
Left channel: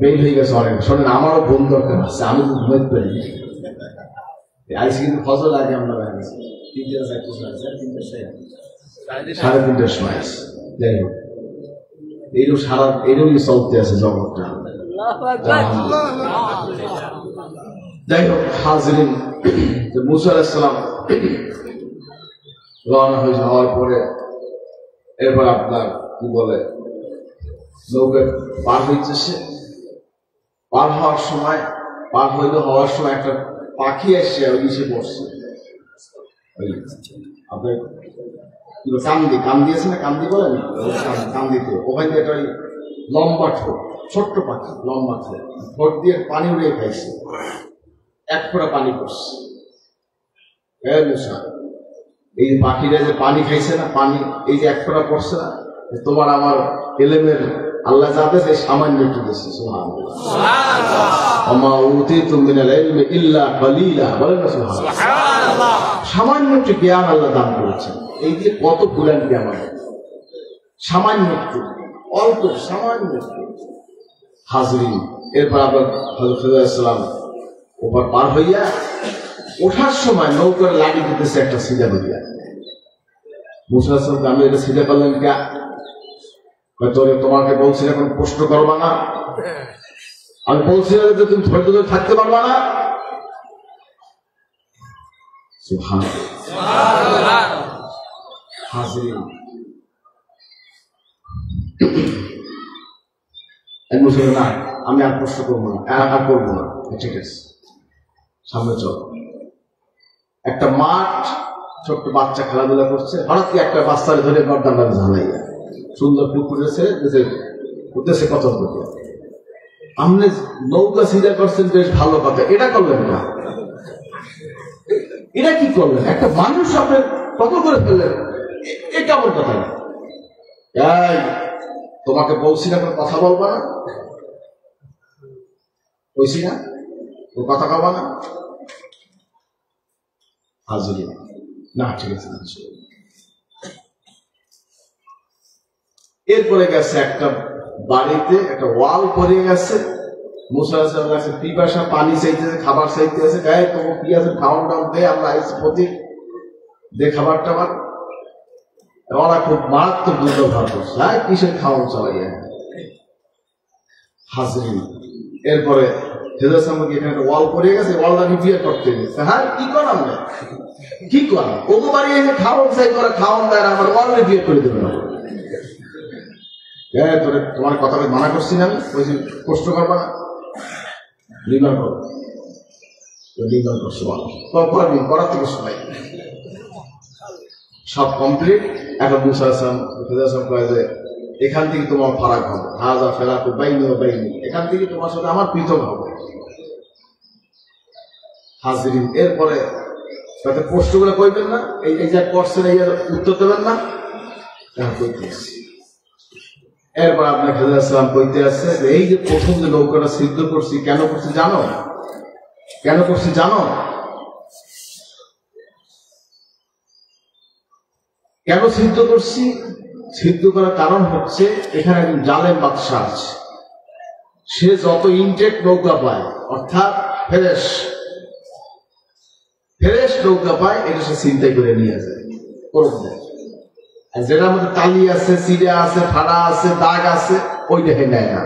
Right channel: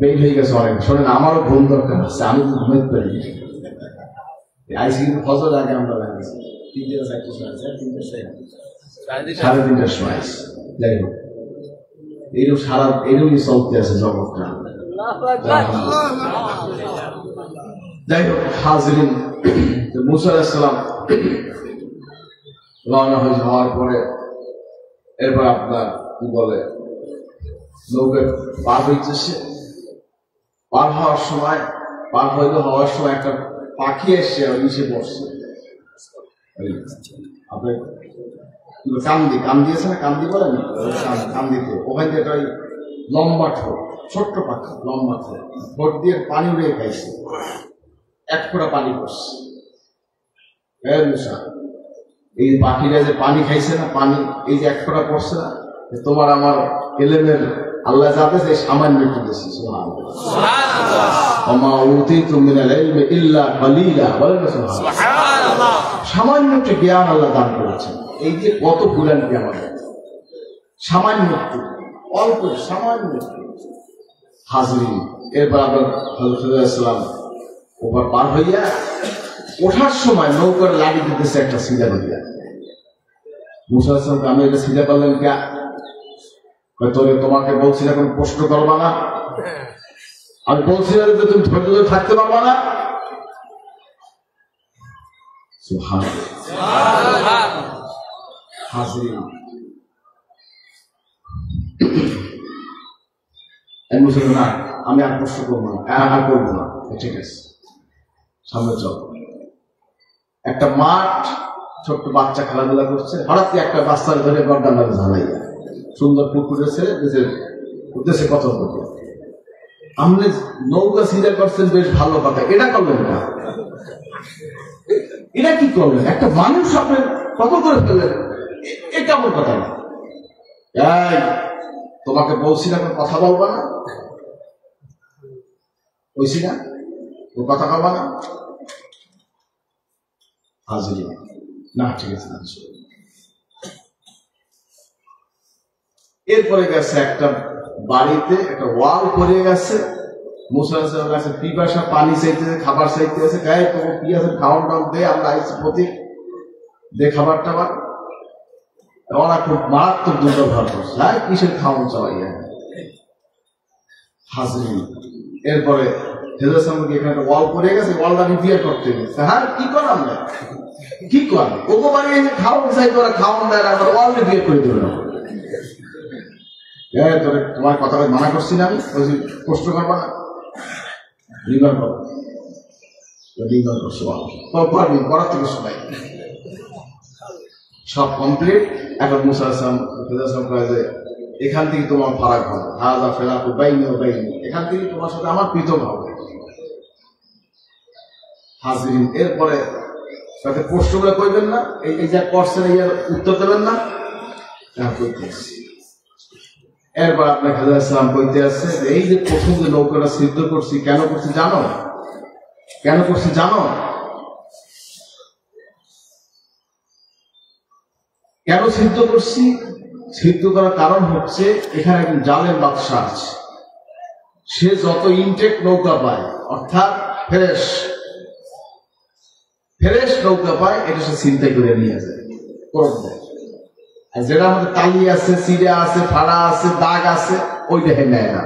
বেল হয়ে গেছে অনেক। শোনেন, আমারও ঘুম দরকার আছে, আমি তো ঘুমাতে পারি। আইসি কিন্তু ফজর আগে আমরা লাগছে 3:30 সময়। যাই হোক, এইরকম চলতে আছে জগৎটা। যাই হোক, হাজিরিন, মুসা আলাইহিস সালাম রওনা হয়ে যাওয়ার পরে এরপর আপনার কি বলে নৌকা পার হইতেছে। পার হওয়ার সময় একটা পাখি এসে নিচে বসছে। আপনার কান্দি আছে না, কান্দি বলেন, কান্দিতে ওখানে একটা লম্বা ছোট্ট পাখি, লম্বা ঠোঁট দিয়ে পানি বেয়ে খাইছে, এক ফোঁটা পানি পড়ছে। এই পাখিরা যে পানি খাইছে না, পানি এই যে এক ফোঁটা পড়ছে না, তোমার আমার এলেমের আল্লাহ যাদের সামান্য একটু দিচ্ছে। সামান্য একটু জ্ঞান আল্লাহ দান করেছেন। এই যে কত জ্ঞান সামান্য একটু, অল্প সামান্য একটু। হাজিরিন, এরপর আবার হযরত ইসলাম ওপর পার হইয়া ওঠার সময় নৌকার লাগি দিতেছে একটা সিধা দিয়া। মুসা আলাইহিস সালাম আমি এটা সিধা করলাম কে? তোরে তোমাকে বলছিলাম এখন প্রশ্ন করবা না, আমি বলছিলাম যে তুমি ধৈর্য থাকতে পারবা না। হাজিরিন, না আমি আর প্রশ্ন করবো না, আর করবো না, ঠিক আছে সামনে চল। একটা মাঠ, ছোট্ট বাচ্চা খেলাধুলা করছে, হঠাৎ একটা বাচ্চার ধরে গর্দান ঝালাইয়া সুন্দর পুকুরে ছেড়ে উদ্দেশ্যে কথা বলতে। আপনি নৌকা সিধা করছেন, বেশ ভালো কথা, এটা করলেন না, এটা কি করলেন? একটা মানুষ আপনার কত করে ফেললেন, এটা আমার কথা না। তোমাকে বলছি না কথা বলবা না, বলছি না ও কথা বলবা না। হাজির না, ঠিক আছে। এরপরে গেছে একটা বাড়িতে একটা ওয়াল পড়ে গেছে। মুসা আলাইহিস সালাম কাছে পিপাসা, পানি চাইতেছে, খাবার চাইতেছে। গায়ে তোমার কি আছে, খাওয়ান টান দে, আমরা আইসি প্রতি দে খাবার টাবার। ওরা খুব মারাত্মক দুটো ভাব করছে, কিসের খাওয়ান চাওয়াই হাজরিন এরপরে হেদাসানকে এখানে ওয়াল পড়ে গেছে, ওয়ালটা রিপেয়ার করতে গেছে। হ্যাঁ কি করার না, কি কর ওকে বাড়ি এসে খাওয়ান চাই করে খাওয়ান দেয় না, ওয়াল রিপেয়ার করে দেবে না। তোমার কথা মানা করছি না, আমি কষ্ট করবো না, রিমার করো, রিমার করছো করার থেকে সবাই সব কমপ্লিট। এখন মুসা হাসান করে যে এখান থেকে তোমার ফারাক হবে, হাজা ফেরা তো বাইনি ও বাইনি, এখান থেকে তোমার সাথে আমার পৃথক হবে। হাজিরিন এরপরে তাতে প্রশ্নগুলো করবেন না, এই যে করছেন এই উত্তর দেবেন না, এরপর আপনার খাজা বলতে আসছে এই যে প্রথম যে নৌকাটা সিদ্ধ করছি, কেন করছি জানো? কেন করছি জানো? কেন সিদ্ধ করছি? সিদ্ধ করার কারণ হচ্ছে এখানে একজন জালেম বাদশাহ আছে, সে যত ইনটেক নৌকা পায়, অর্থাৎ ফ্রেশ নৌকা পায়, এটা সে চিন্তাই করে নিয়ে যায়, আর যেটা আমাদের তালি আছে, চিড়া আছে, ফাড়া আছে, দাগ আছে, ওই দেখে নেয় না।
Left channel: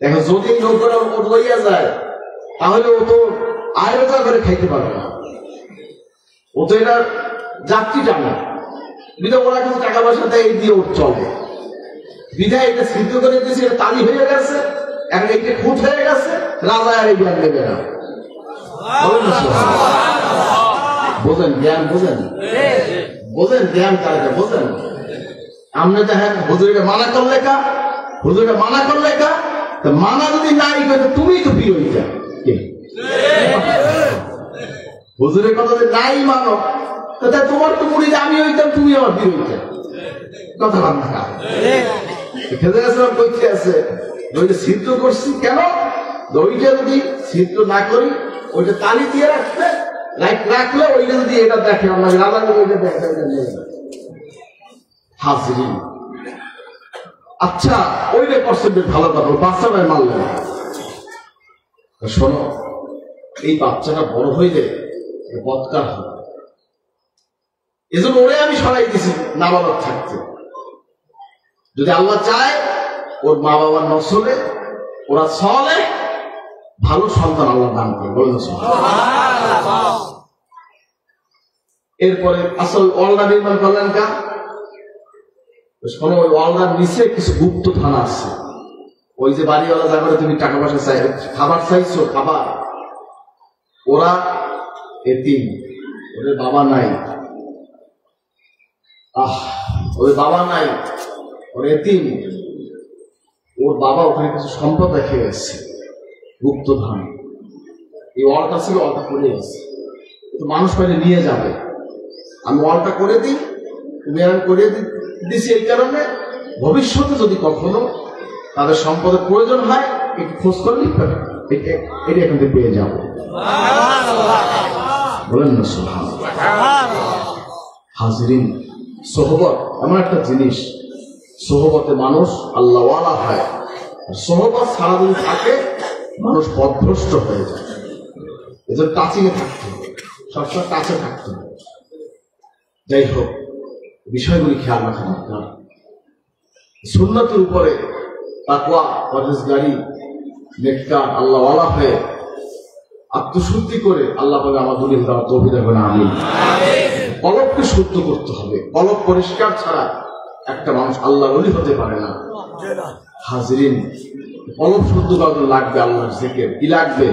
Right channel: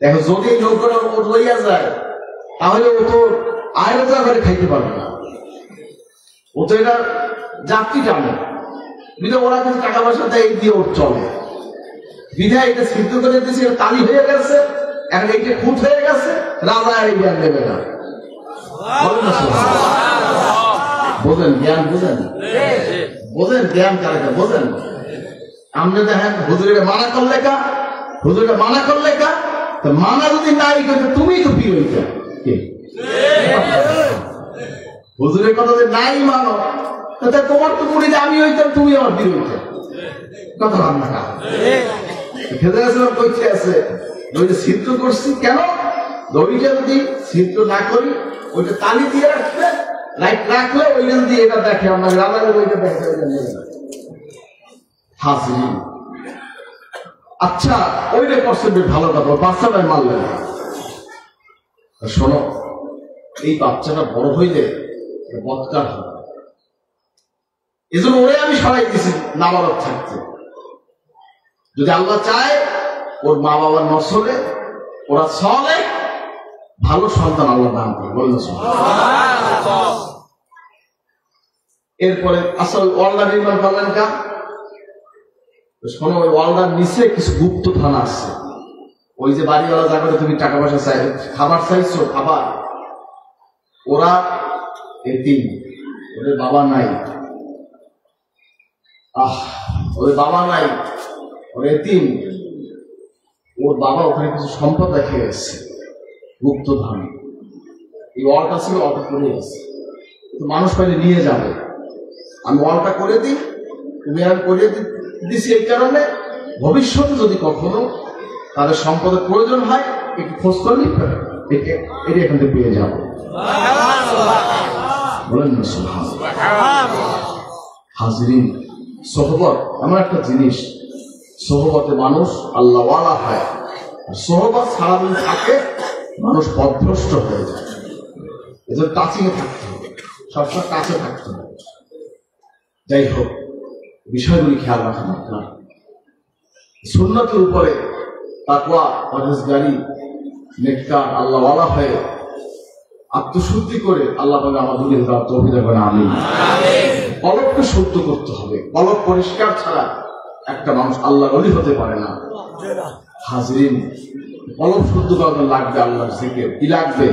দেখো যদি নৌকাটা লইয়া যায় তাহলে ও তো আয়রতা করে খাইতে পারবে না, ও তো এটা যাত্রী টানে, বিধা ওরা কিন্তু টাকা পয়সা দেয় দিয়ে ওর চলে, বিধায় এটা সিদ্ধ করে দিয়েছে, তালি হয়ে গেছে, এখন এইটা খুঁট হয়ে গেছে, রাজা আর এই জ্ঞান দেবে না। বোঝেন জ্ঞান, বোঝেন বোঝেন জ্ঞান কারে বোঝেন। আপনি দেখেন হুজুরে মানা করলে কা, হুজুরে মানা করলে কা, মানা যদি নাই করে তুমি তো বিয়ে হইতে, হুজুরের কথা যে নাই মানো, তাতে তোমার তো মুড়ি আমি হইতাম, তুমি আমার বিয়ে হইতে, কথা রান্না খেতে আসলাম করতে আছে। ওইটা সিদ্ধ করছি কেন? ওইটা যদি সিদ্ধ না করি, ওইটা তালি দিয়ে রাখতে লাইট রাখলে ওইটা যদি এটা দেখে, আমরা রান্না ওইটা দেখে, হাজির। আচ্ছা ওইটা করছে ভালো কথা, বাচ্চাটা মারলে না। শোনো, এই বাচ্চাটা বড় হইলে বৎকার হবে, এজন্য ওরে আমি সরাই দিছি মা বাবার থাকতে। যদি আল্লাহ চায় ওর মা বাবার নসলে ওরা চলে, ভালো সন্তান আল্লাহ দান করে, বলেন এরপরে আসল ওয়ালটা নির্মাণ করলেন কা? শোনো, ওই ওয়ালটার নিচে কিছু গুপ্ত থানা আছে, ওই যে বাড়িওয়ালা যা করে তুমি টাকা পয়সা চাই, খাবার চাইছো, খাবার, ওরা এতিম, ওদের বাবা নাই, ওদের বাবা নাই, ওর এতিম, ওর বাবা ওখানে কিছু সম্পদ রেখে গেছে, গুপ্ত ধান, এই ওয়ালটা ছিল, ওয়ালটা করে আছে, মানুষ পাইলে নিয়ে যাবে, আমি ওয়ালটা করে দিই, তুমি আমি করে দিছি এই কারণে ভবিষ্যতে যদি কখনো তাদের সম্পদের প্রয়োজন হয় একটু খোঁজ করে নিতে, এটা এখান থেকে পেয়ে যাবো, বলেন না সুবহানাল্লাহ। হাজিরিন, সোহবত এমন একটা জিনিস, সোহবতে মানুষ আল্লাহওয়ালা হয়, আর সোহবত সারাদিন থাকে মানুষ পথভ্রষ্ট হয়ে যায়, এদের টাচিংয়ে থাকতে হবে, সবসময় কাছে থাকতে হবে। যাই হোক, বিষয়গুলি খেয়াল রাখা দরকার। সুন্নতের উপরে তাকওয়া, পরহেজগারি, নেককার, আল্লাহওয়ালা হয়ে আত্মশুদ্ধি করে আল্লাহ পাক আমাদের তৌফিক দেবেন, আমিন। কলবকে শুদ্ধ করতে হবে, কলব পরিষ্কার ছাড়া একটা মানুষ আল্লাহর ওলি হতে পারে না। হাজিরিন, কলব শুদ্ধ করার লাগবে আল্লাহর জিকির। কি লাগবে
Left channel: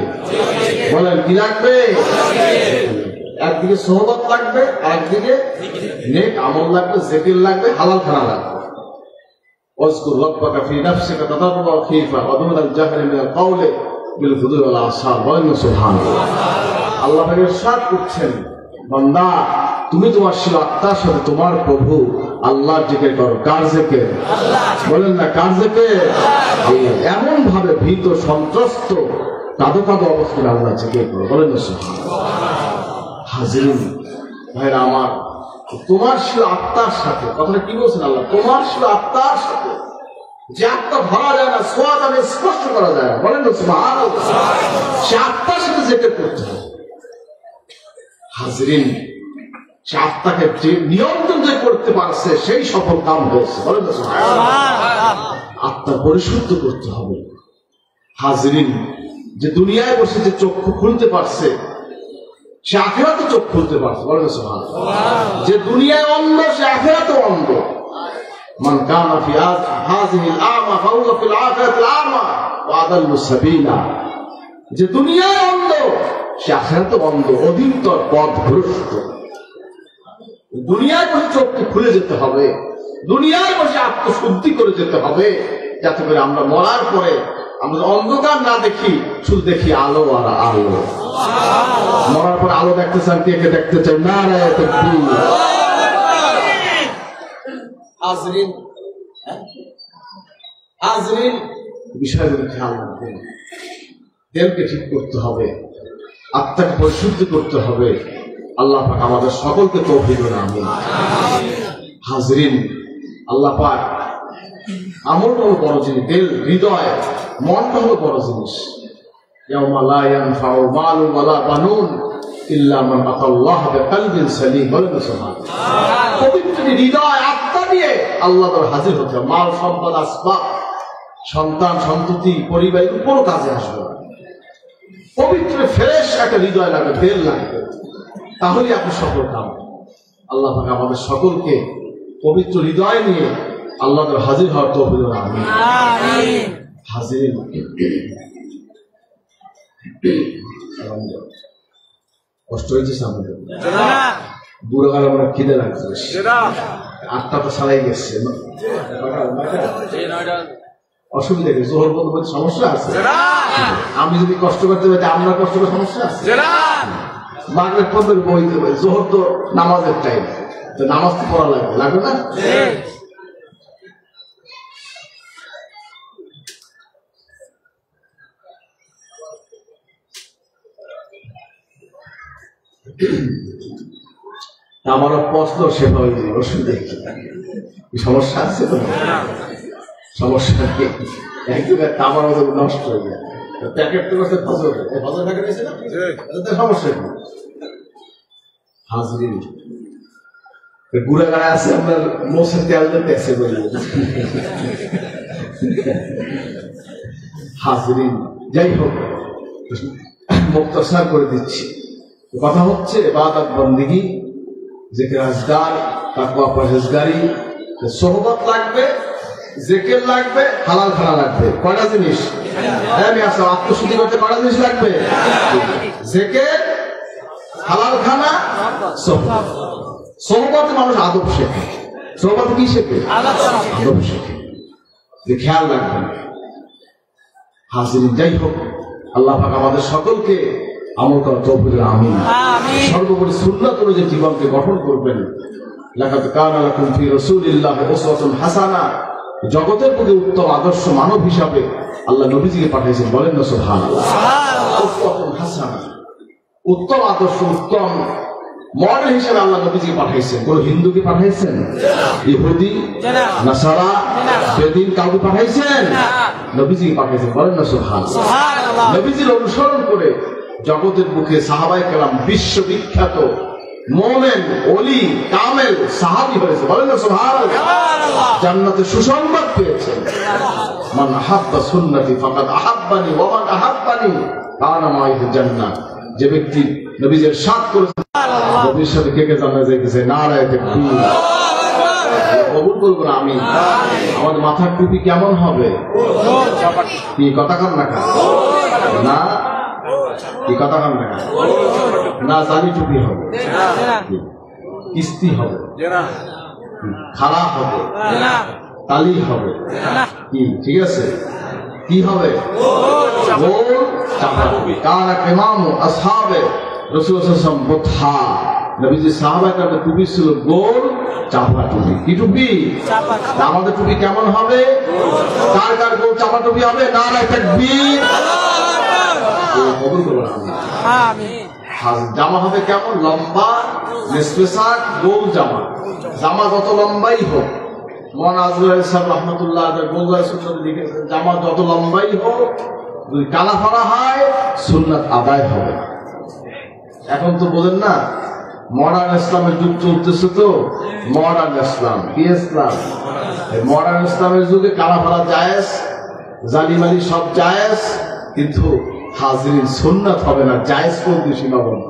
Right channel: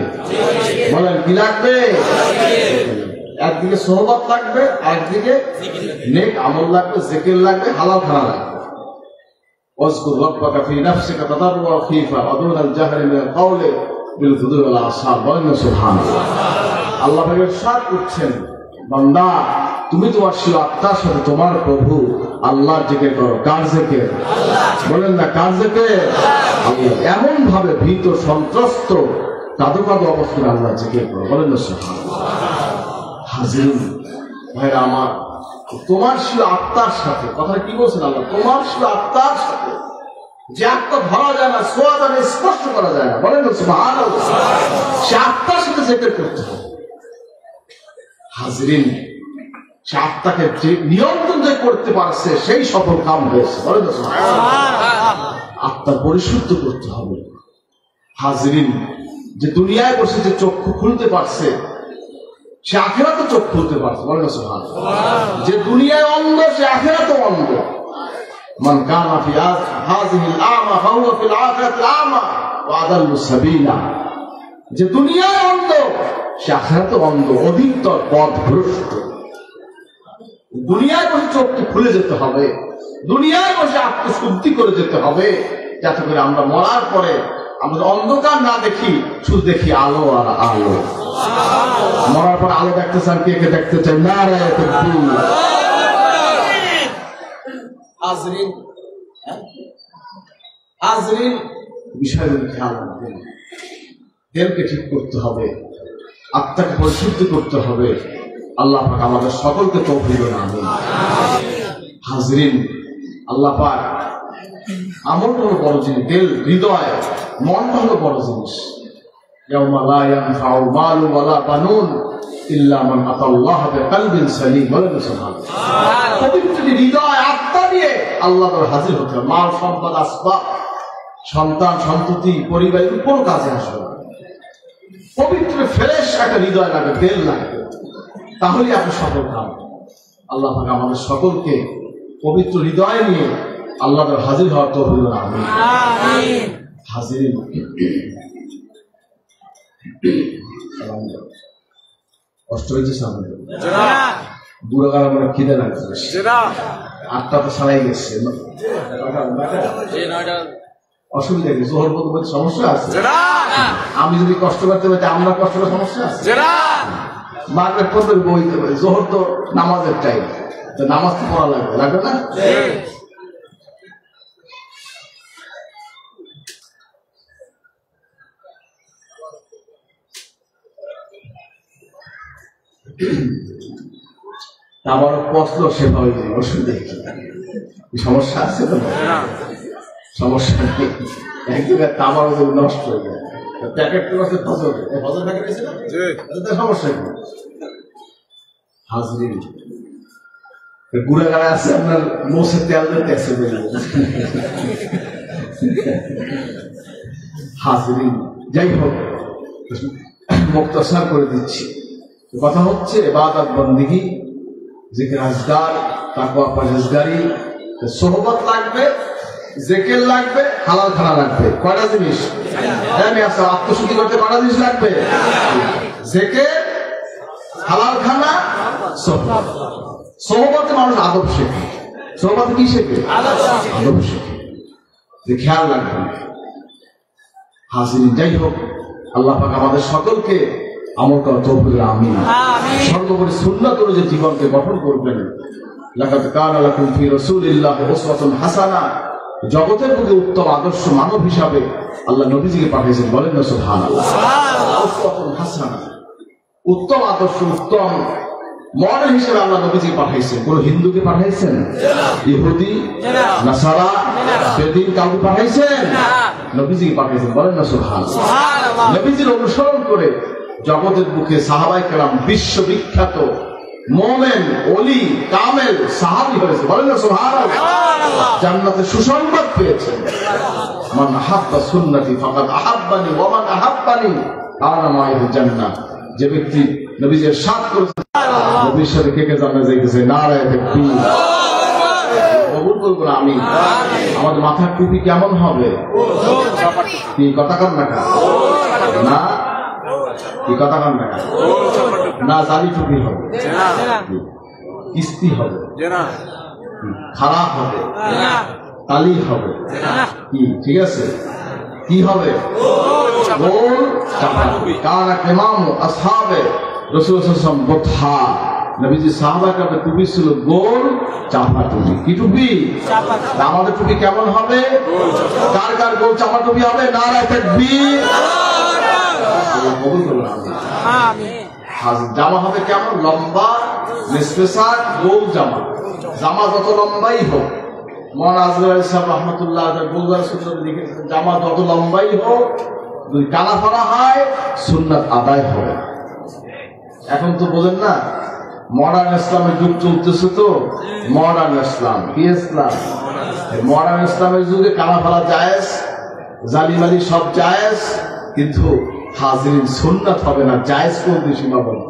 বলেন, কি লাগবে? একদিকে সোহবত লাগবে, একদিকে নেক আমল লাগবে, জিকির লাগবে, হালাল খানা লাগবে। ওয়াজকুর রাব্বাকা ফি নাফসিকা তাদাররুআন ওয়া খীফা ওয়া দুনাল জাহরি মিনাল কাওলি বিল গুদুই ওয়াল আসার, বলেন সুবহানাল্লাহ। আল্লাহ পাক ইরশাদ করছেন, বান্দা তুমি তোমার শির আত্মার সাথে তোমার প্রভু আল্লাহর জিকির করো। কার জিকির? বলেন না, কার জিকির? এমন ভাবে ভীত সন্ত্রস্ত কাঁদো কাঁদো অবস্থায় আল্লাহ জিকির করো, বলেন না সুবহানাল্লাহ। হাজির ভাইরা আমার, তোমার শির আত্মার সাথে, কথাটা কি বলছেন আল্লাহ? তোমার শির আত্মার সাথে, যে আত্মা ধরা যায় না, ছোঁয়া যায় না, স্পর্শ করা যায় না, বলেন না সুবহানাল্লাহ। সে আত্মার সাথে জিকির করতে হবে। হাজিরিন, সে আত্মাকে নিয়ন্ত্রণ যে করতে পারছে সেই সফল কাম হয়েছে, বলেন না সুবহানাল্লাহ। আত্মা পরিশুদ্ধ করতে হবে। হাজরিন, যে দুনিয়ায় বসে যে চক্ষু খুলতে পারছে সে আখিরাতে চোখ খুলতে পারছে, বলেন সুবহানাল্লাহ। যে দুনিয়ায় অন্ধ সে আখিরাতে অন্ধ। মান কানা ফি হাযিহিল আ'মা ফাহুয়া ফিল আখিরাতি আ'মা ওয়া আদাল্লু সাবিলা। যে দুনিয়ায় অন্ধ সে আখিরাতে অন্ধ, অধিকতর পথভ্রষ্ট। দুনিয়ায় বসে চোখকে খুলে যেতে হবে, দুনিয়ায় বসে আত্মশুদ্ধি করে যেতে হবে, যাতে করে আমরা মরার পরে আমরা অন্ধকার না দেখি, শুধু দেখি আলো আর আলো। মরার পরে আলো দেখতে চান, কে কে দেখতে চান? নারায়ে তাকবীর। হাজরিন, হাজরিন, বিষয়গুলো খেয়াল রাখবেন। দেহকে ঠিক করতে হবে, আত্মাকে পরিশুদ্ধ করতে হবে। আল্লাহ পাক আমাদের সকলকে তৌফিক দান করুন। হাজরিন, আল্লাহ পাক আমলটা হলো বড় জিনিস, দিল, হৃদয়, মনটা হলো বড় জিনিস। ইয়াউমা লা ইয়ানফাউ মালুন ওয়ালা বানুন ইল্লা মান আতাল্লাহ বিকলবিন সালিম। বলেন সুবহানাল্লাহ। পবিত্র হৃদয়, আত্মা দিয়ে আল্লাহ হাজির হতে হবে। মাল, সম্পদ, আসবাব, সন্তান, সন্ততি, পরিবারের কোনো কাজে আসবে না। পবিত্র ফ্রেশ একটা হৃদয় লাগবে, দিল লাগবে, তাহলে আপনি সফল পাবেন। আল্লাহ পাক আমাদের সকলকে পবিত্র হৃদয় নিয়ে আল্লাহ হাজির হওয়ার তৌফিক দান করুন। আমিন। হাজিরিন, কষ্ট হয়েছে সামনে বুড়াগার আমরা খিদে লাগছে, 8টা তো ছাড়াই গেছে, অসুবিধা কি? জোহর বলতে সমস্যা আছে? আমি যদি কষ্ট করতে পারি আমরা কষ্ট করার সমস্যা আছে? মাগরিব পর্যন্ত বইতে পারি, জোহর তো নামাজের টাইম, তো নামাজ তো পড়া লাগবে, লাগবে না? আমার প্রশ্ন সেভাবে অসুবিধা সমস্যা আছে তো? সমস্যা কি? একদিনের তামার নষ্ট হয়ে যায়, প্যাকেট তো ফজর প্যাকেট আছে না, সমস্যা কি? হাজরিন, বুড়া গায়ে আছে আপনার মোষে তেল দিতে আছে বলবো। হাজরিন, যাই হোক, মুক্তসার করে দিচ্ছি। কথা হচ্ছে ইবাদত, বন্দেগী, জিকির, আজকার, তাকওয়া, পরহেজগারি, সোহবত লাগবে, জিকির লাগবে, হালাল খানা লাগবে। কয়টা জিনিস? আত্মশুদ্ধি করতে কয়টা জিনিস লাগবে? জিকির, হালাল খানা, সোহবত। সোহবত মানুষ আদব শেখে। সোহবত কি শেখে? আদব শেখে। খেয়াল রাখবেন হাজিরিন। যাই হোক, আল্লাহ পাক আমাদের সকলকে আমল করার তৌফিক দান করুন। আমিন। সর্বোপরি সুন্নাত অনুযায়ী জীবনকে গঠন করবেন। লাকাদ কানা লাকুম ফি রাসূলিল্লাহি উসওয়াতুন হাসানাহ। জগতের প্রতি উত্তম আদর্শ মানব হিসাবে আল্লাহ নবীজিকে পাঠিয়েছেন, বলেন না সুবহানাল্লাহ। উসওয়াতুন হাসানাহ, উত্তম আদর্শ, উত্তম মডেল হিসেবে আল্লাহ নবীজিকে পাঠিয়েছেন। কোন হিন্দুকে পাঠিয়েছেন? ইহুদি, নাসারা, বেদিন কাউকে পাঠিয়েছেন? নবীজিকে পাঠিয়েছেন, বলেন না সুবহানাল্লাহ। নবীজির অনুসরণ করে জগতের বুকে সাহাবায়ে কেরাম বিশ্ববিখ্যাত মোমেন, ওলি, কামেল, সাহাবী হয়েছে, বলেন না সুবহানাল্লাহ। জান্নাতে সুসংবাদ পেয়েছেন। মান হাব্বা সুন্নতি ফাকাদ আহাব্বানি ওয়া মান আহাব্বানি কানা মা'আ জান্নাহ। যে ব্যক্তি নবীজির সাথ করেছে, নবীর সাথে কে কে জান্নাতে যাইতেছে? নারায়ে তাকবীর। কবুল করবো না আমি? আমাদের মাথার টুপি কেমন হবে? কি কথা কন না? না, কি কথা কন না? না, জালি টুপি হবে, কিস্তি হবে, খারাপ হবে, তালি হবে, কি ঠিক আছে? কি হবে? গোল চাপা। কানা ইমাম আসহাবে রাসূল সাল্লাল্লাহু আলাইহি ওয়াসাল্লাম বুতহা। নবীজি সাহাবাদের টুপি ছিল গোল চাপা টুপি। কি টুপি? চাপা। আমাদের টুপি কেমন হবে? কার কার গোল চাপা টুপি হবে? নারায়ে তাকবীর, আল্লাহু আকবার। কবুল করুন। আমিন। জামা হবে কেমন? লম্বা, নিসপেসার, গোল জামা। জামা যত লম্বাই হোক, মাওলানা আজহার সাহেব রাহমাতুল্লাহ আলাইহি গোলগায় সুন্নাত লিখেছেন, জামা যত লম্বাই হোক, যদি কালা ফলা হয় সুন্নাত আদায় হবে। এখন তো বোঝেন না, মডার্ন ইসলামের যুগ চলতেছে, তো মডার্ন ইসলাম। কি ইসলাম? মডার্ন ইসলামের যুগে কারা ফেলা জায়েজ, জালিমালি সব জায়েজ, কিন্তু হাজরিন সুন্নাত হবে না, জায়েজ করতে সীমাবদ্ধ।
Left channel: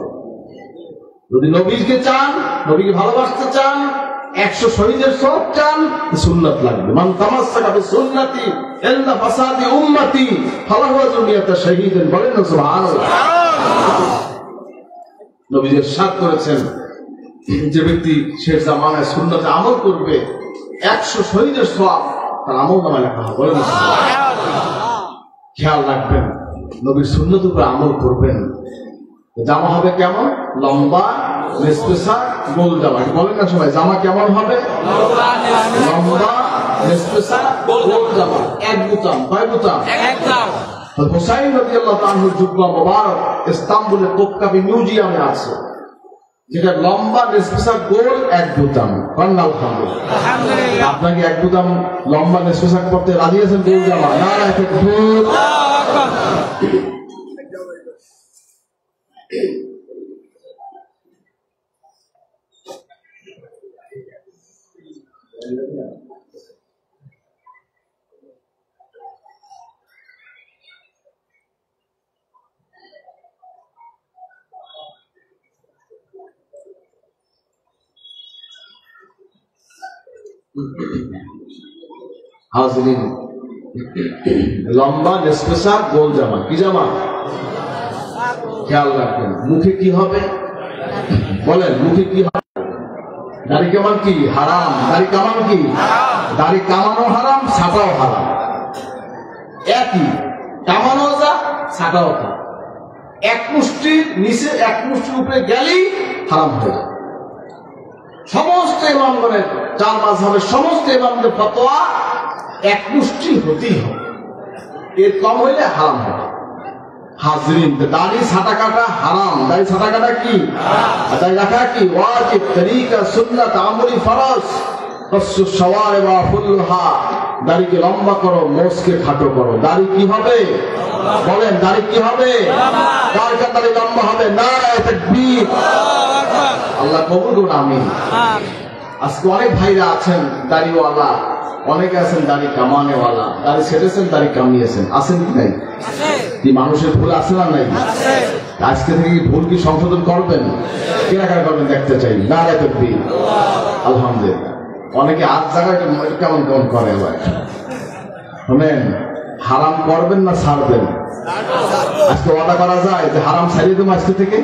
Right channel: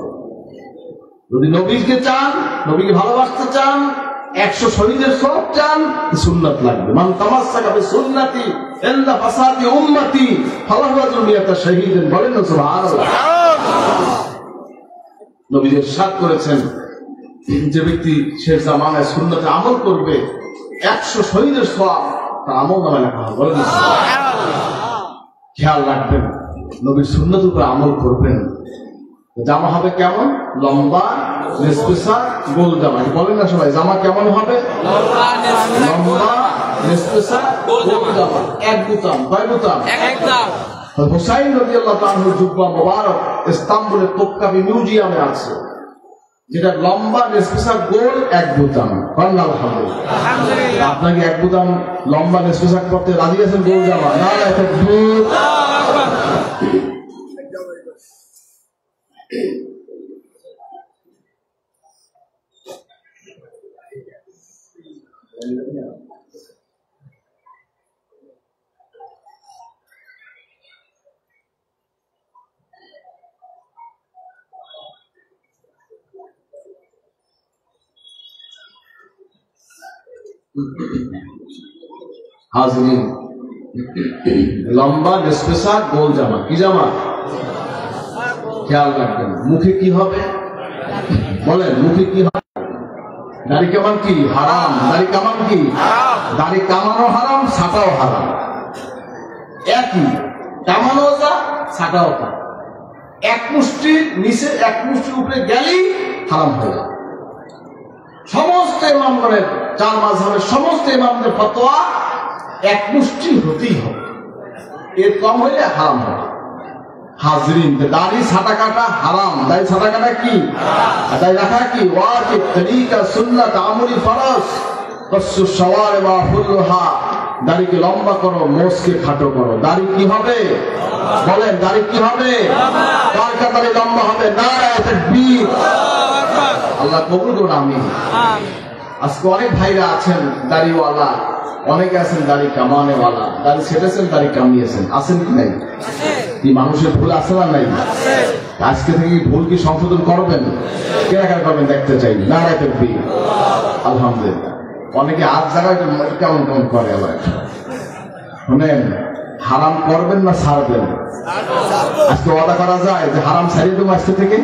যদি নবীকে চান, নবীকে ভালোবাসতে চান, 100 শহীদের সব চান, সুন্নাত লাগবে। মান তামাসসাকা বিসুন্নতি ইল্লা ফাসাদি উম্মতি ফালাহু দুনিয়াতে শহীদান, বলেন না সুবহানাল্লাহ। নবী ইরশাদ করেছেন, যে ব্যক্তি শেষ জামানায় সুন্নতে আমল করবে 100 শহীদের সওয়াব তার আমল নামে লেখা হবে, বলেন না সুবহানাল্লাহ। খেয়াল রাখবেন, নবীর সুন্নত উপরে আমল করবেন। জামা হবে কেমন? লম্বা, নিসফেসা, গোল জামা। বলেন না সবাই, জামা কেমন হবে? লম্বা, নিসফেসা, গোল জামা, এক বুতাম। কয় বুতাম? হুসাইন রাদিয়াল্লাহু আনহুর জুব্বা মুবারক ইস্তাম্বুলের তোপকাপি মিউজিয়ামে আছে, যেটা লম্বা, নিসফেসা, গোল, এক বুতাম। আলহামদুলিল্লাহ। আপনাকে এক বুতাম লম্বা নিসফেসা করতে রাজি আছেন? গোল জামা নারায়ে তাকবীর। হাজরিন, লম্বা, নিসফেসা, গোল জামা। কি জামা? খেয়াল রাখবেন। মুখে কি হবে? বলেন, মুখে কি হবে? দাড়ি কামান কি? হারাম। দাড়ি কামান কি? দাড়ি কামানো হারাম, ছাটাও হারাম। একই, কামানো যা, ছাটাও যা। এক মুষ্টির নিচে এক মুষ্টির উপরে গেলেই হারাম হয়ে যায়। সমস্ত ইমামগণের, 4 মাযহাবের সমস্ত ইমামদের ফতোয়া এক মুষ্টি হতেই হবে, এর কম হলে হারাম হবে। হাজরিন, দাড়ি ছাটা কাটা হারাম। দাড়ি ছাটা কাটা কি? দাড়ি রাখা কি? ওয়াজিব, তরিকা, সুন্নাত, আমলি, ফরজ। কসু শাওয়ারিব ওয়া ফুলহা, দাড়িকে লম্বা করো, মোছকে খাটো করো। দাড়ি কি হবে? বলেন, দাড়ি কি হবে? কার দাড়ি লম্বা হবে? নারায়ে তাকবীর। আল্লাহ কবুল করুন, আমিন। আজকে অনেক ভাইরা আছেন দাড়িওয়ালা, অনেকে আছেন দাড়ি কামানেওয়ালা। দাড়ি ছেড়েছেন, দাড়ি কামিয়েছেন, আছেন কি নাই? কি মানুষের ভুল আছে না নাই? আজকে থেকে ভুল কি সংশোধন করবেন? কেনাকাটা করবেন, দেখতে চাই। নারায়ে তাকবীর। আলহামদুলিল্লাহ। অনেকে আজ জায়গায় কেমন কেমন করে। এবার শুনেন, হারাম করবেন না ছাড়বেন? আজকে ওয়াদা করা যায় যে হারাম ছাড়িয়ে দেবো আজকে থেকে?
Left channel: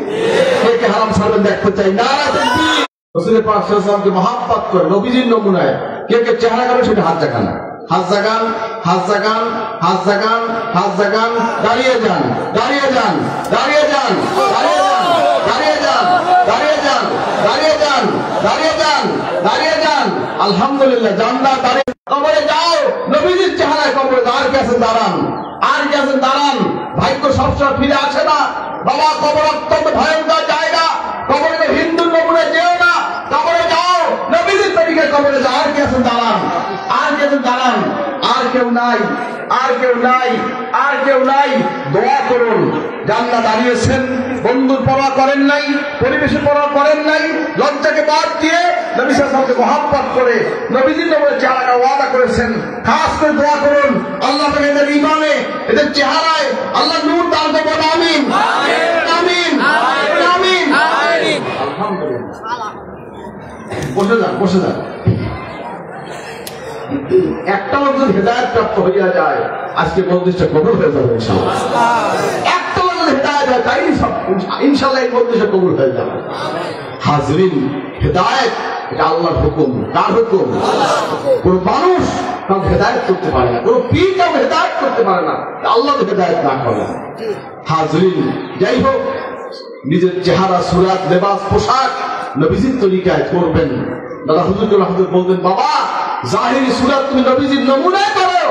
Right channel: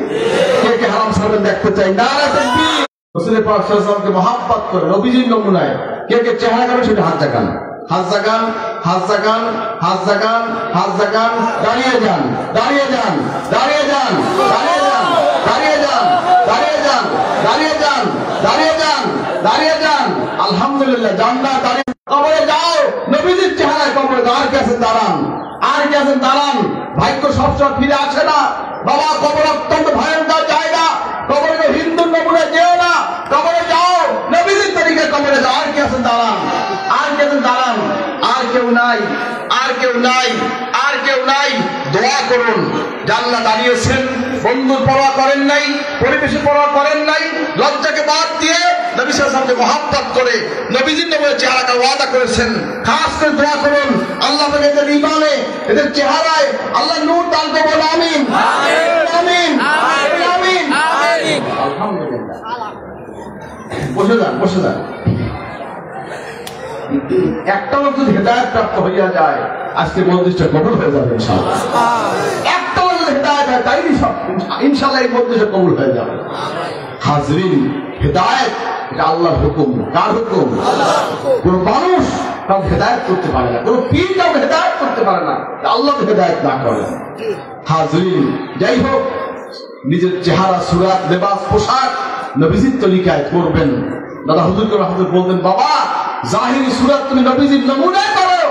কে কে হারাম ছাড়বেন দেখতে চাই। নারায়ে তাকবীর। রাসূল পাক সাল্লাল্লাহু আলাইহি ওয়াসাল্লামকে মহব্বত করে নবীজির নমুনায় কে কে চেহারা কারণ সেটা হাত জাগান, হাত জাগান, হাত জাগান, হাত জাগান, হাত জাগান। দাঁড়িয়ে যান, দাঁড়িয়ে যান, দাঁড়িয়ে যান, দাঁড়িয়ে যান, দাঁড়িয়ে যান, দাঁড়িয়ে যান, দাঁড়িয়ে যান, দাঁড়িয়ে যান, দাঁড়িয়ে যান। আলহামদুলিল্লাহ। জান্নাত দাঁড়িয়ে কবরে যাও, নবীজির চেহারায় কবরে যাও। আর কাছে দাঁড়ান, আর কাছে দাঁড়ান। ভাগ্য সবসময় ফিরে আসে না বাবা। কবর অত্যন্ত ভয়ঙ্কর জায়গা। কবরে হিন্দু নমুনা যেও না, কবরে যাও, নবীজির তরিকায় কবরে যাও। আর কাছে দাঁড়ান, আর কাছে দাঁড়ান। আর কেউ নাই, আর কেউ নাই, আর কেউ নাই। দোয়া করুন। জান্নাত দাঁড়িয়েছেন, বন্ধুর পরোয়া করেন নাই, পরিবেশের পরোয়া করেন নাই, লজ্জাকে বাদ দিয়ে নবী সাল্লাল্লাহু আলাইহি ওয়াসাল্লামকে মহব্বত করে নবীজির নবুয়ত চেহারাকে ওয়াদা করেছেন। খাস করে দোয়া করুন, আল্লাহ তাআলা এদের ঈমানে, এদের চেহারায় আল্লাহ নূর দান করুন। আমিন, আমিন, আমিন, আমিন। আলহামদুলিল্লাহ। বসে যান, বসে যান। একটা লোক যদি হেদায়েত প্রাপ্ত হইয়া যায়, আজকে মজলিসটা কবুল হয়ে যাবে ইনশাআল্লাহ। একটা লোক যদি হেদায়েত হয়, তাই সব ইনশাআল্লাহ এই মজলিসটা কবুল হয়ে যাবে। হাজরিন, হেদায়েত এটা আল্লাহর হুকুম। কার হুকুম? কোন মানুষ কাউকে হেদায়েত করতে পারে না, কোন পীর কাউকে হেদায়েত করতে পারে না, আল্লাহ তো হেদায়েত না করেন। হাজরিন, যাই হোক, নিজের চেহারা, সুরাত, লেবাস, পোশাক নবীজির তরিকায় করবেন। দাদা হুজুর করে হাজুর বলবেন, বাবা জাহিরি সুরাত তুমি নবীজির নমুনায় করো,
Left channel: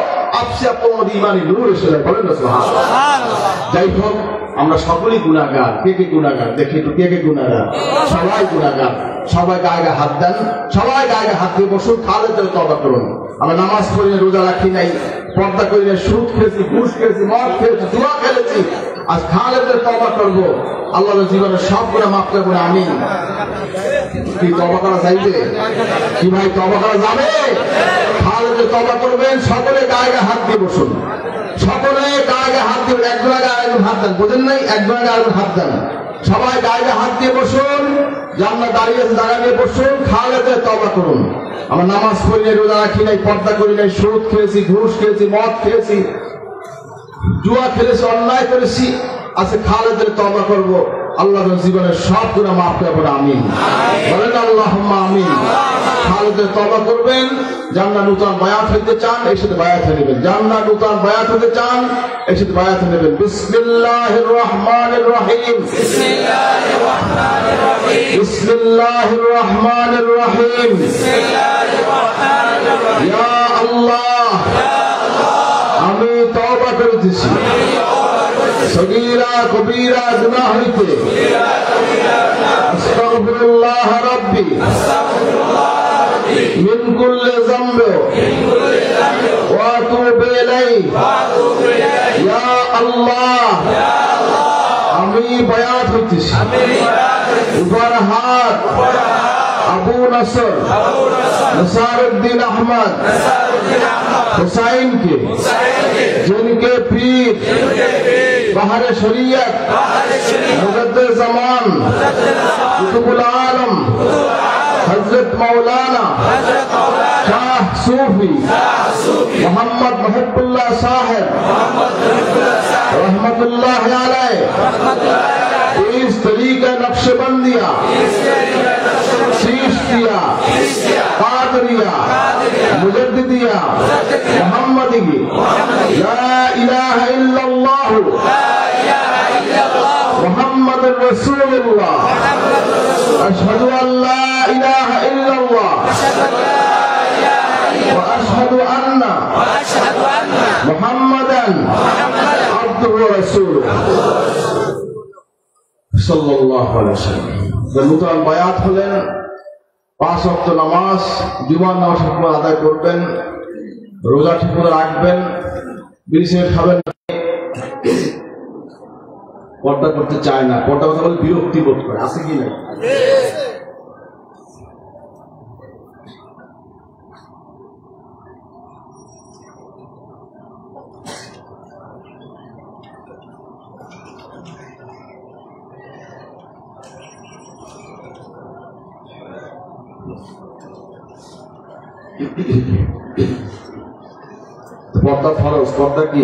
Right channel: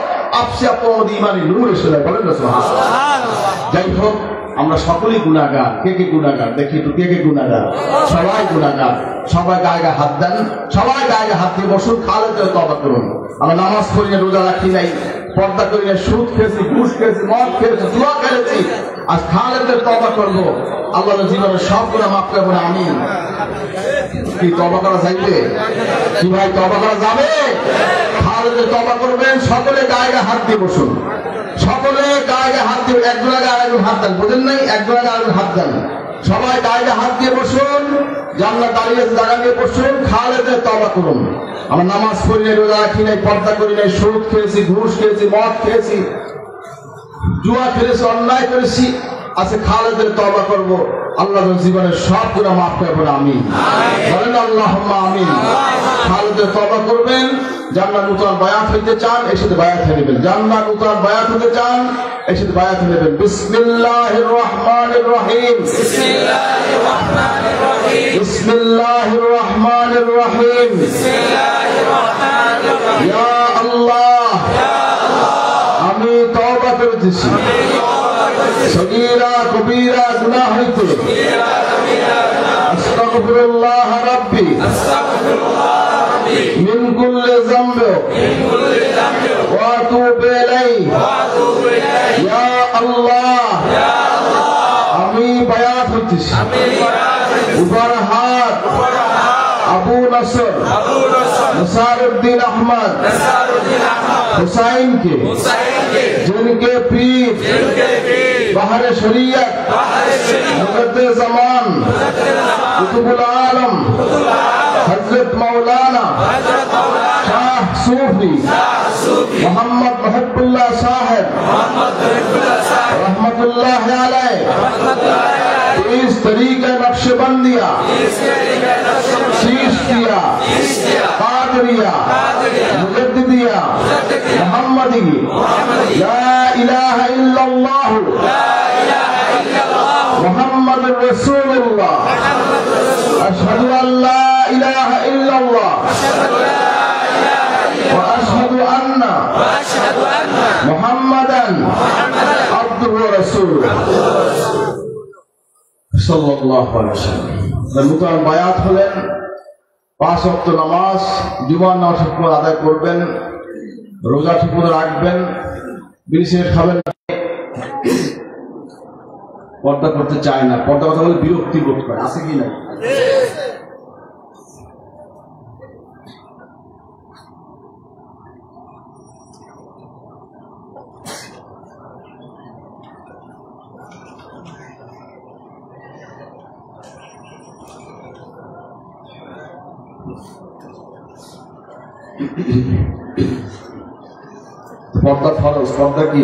আফসা তোমাদের ইমানি নূর এসে যায়। বলেন না সুবহানাল্লাহ। যাই হোক, আমরা সকলেই গুনাহগার। কে কে গুনাহগার? দেখি একটু, কে কে গুনাহগার? সবাই গুনাহগার। সবাই গায়ে হাত দেন, সবাই গায়ে হাত দিয়ে বসুন। খালেদের তওবা করুন। আমরা নামাজ পড়ি না, রোজা রাখি নাই, পর্দা করি না, সুদ খেয়েছি, ঘুষ খেয়েছি, মদ খেয়েছি, জুয়া খেলেছি। আজ খালেদের তওবা করবো, আল্লাহর জীবনের সব গুনাহ মাফ করবেন। আমিন। কি তওবা করা যাইবে? কি ভাই তওবা করা যাবে? খালেদে তওবা করবেন। সকলে গায়ে হাত দিয়ে বসুন, সকলে গায়ে হাত দিয়ে, একজন আগে আরেকজন হাত দেন, বুঝেন নাই? একজন আগে আরেকজন হাত দেন, সবাই গায়ে হাত দিয়ে বসুন, জান্নাত দাঁড়িয়ে বসুন, খালেদে তওবা করুন। আমরা নামাজ পড়ি নাই, রোজা রাখি নাই, পর্দা করি নাই, সুদ খেয়েছি, ঘুষ খেয়েছি, মদ খেয়েছি, জুয়া খেলেছি, অন্যায় করেছি, আজকে খালেদের তওবা করব। আল্লাহ জীবনের সব গুনাহ মাফ করে বলে আমিন বলেন, আল্লাহুম্মা আমিন। খালেদের তওবা করবেন। জান্নাত নূতন বায়াত হইতে চান, এর সাথে বায়াত হয়ে নেবেন। জান্নাত নূতন বায়াত হতে চান, এর সাথে বায়াত হয়ে নেবেন। বিসমিল্লাহির রহমানির রহিম, বিসমিল্লাহির রহমানির রহিম, বিসমিল্লাহির রহমানির রহিম, বিসমিল্লাহির রহমানির রহিম। ইয়া আল্লাহ, ইয়া আল্লাহ, আমি তওবা করতেছি সগীরা কবীরা গুনাহ হইতে, আস্তাগফিরুল্লাহ রাব্বি মিন কুল্লি যামবি ওয়া আতুবু ইলাইহি। ইয়া আল্লাহ, আমি বায়াত হইতেছি উপর হাত আবু নসর नसारुद्दीन अहमद हुसैन के, जिनके पीर बहर शरीयत मुजद्दिद ज़मान कुतुबुल आलम हजरत मौलाना शाह सूफी मोहम्मद महबूबुल्लाह साहब रहमतुल्लाह अलैह इस तरीका नक्शबंदिया, चिश्तिया, कादरिया, मुजद्दिदिया, मुहम्मदी, ला इलाहा इल्लल्लाह मुहम्मदुर रसूलुल्लाह, अशहदु अन ला इलाहा इल्लल्लाह व अशहदु अन्ना मुहम्मदन अब्दुहु व रसूलुहु সাল্লাল্লাহু আলাইহি ওয়াসাল্লাম। নূতন বায়াত হলেন, 5 ওয়াক্ত নামাজ, জুমার নামাজ ঠিক করে আদায় করবেন, রোজা ঠিক করে রাখবেন, বিড়ি সিগারেট খাবেন, পর্দা করতে চায় না, পর্দা করলে বিরক্তি বোধ করে, আছে কি না? পর্দা ফরজ, পর্দা কি?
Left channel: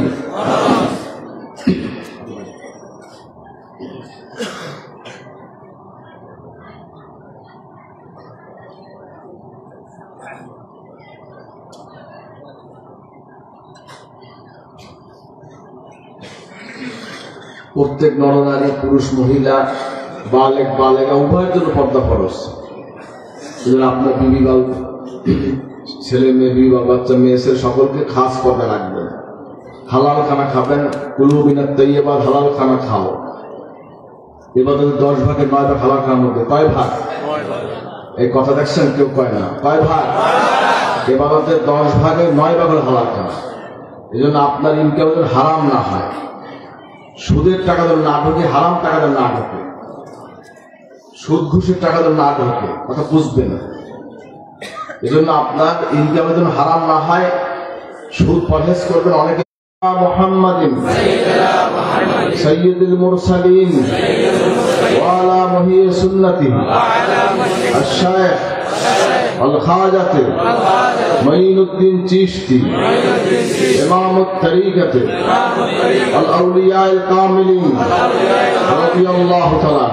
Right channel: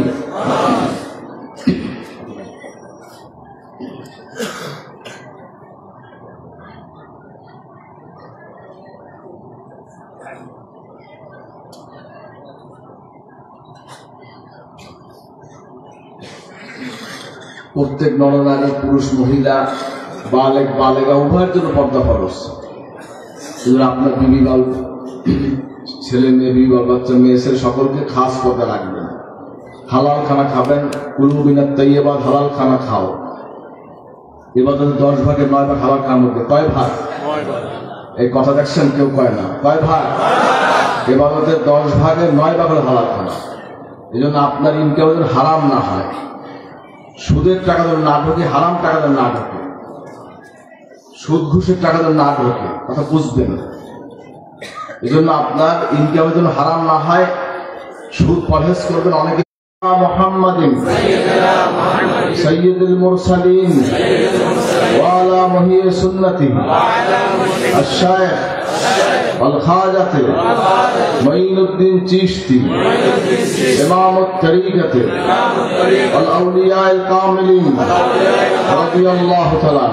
প্রত্যেক নরনারী, পুরুষ মহিলা, বালেক বালেগা উভয়ের জন্য পর্দা ফরজ। আপনার বিবি বা ছেলে মেয়ে, বিবি বা বাচ্চা, মেয়ে ছেলে সকলকে খাস পর্দা রাখবেন। হালাল খানা খাবেন, কুলু মিনাত তাইয়্যিবাত, হালাল খানা খাও। এবারে 10 ভাগের 9 ভাগ হালাল খাওয়ার মধ্যে, কয় ভাগ? এই কথা দেখছেন, কেউ কয় না, কয় ভাগ? এবারে 10 ভাগের 9 ভাগ হলো হালাল খানা। এই জন্য আপনার ইনকাম যেন হারাম না হয়, সুদের টাকা যেন না ঢোকে, হারাম টাকা যেন না ঢোকে, সুদ ঘুষের টাকা যেন না ঢোকে, কথা বুঝবেন। এই জন্য আপনার ইনকাম যেন হারাম না হয়, সুদ পরহেজ করবেন। অনেকে মুহাম্মাদিন সাইয়্যিদুল মুরসালিন ওয়া আলা মুহি সুন্নতিহি আশ-শাইখ আল খাজাত মুঈনুদ্দিন চিশতি ইমামুত তরিকত আল আউলিয়া আল কামিলিন রাদিয়াল্লাহু তাআলা।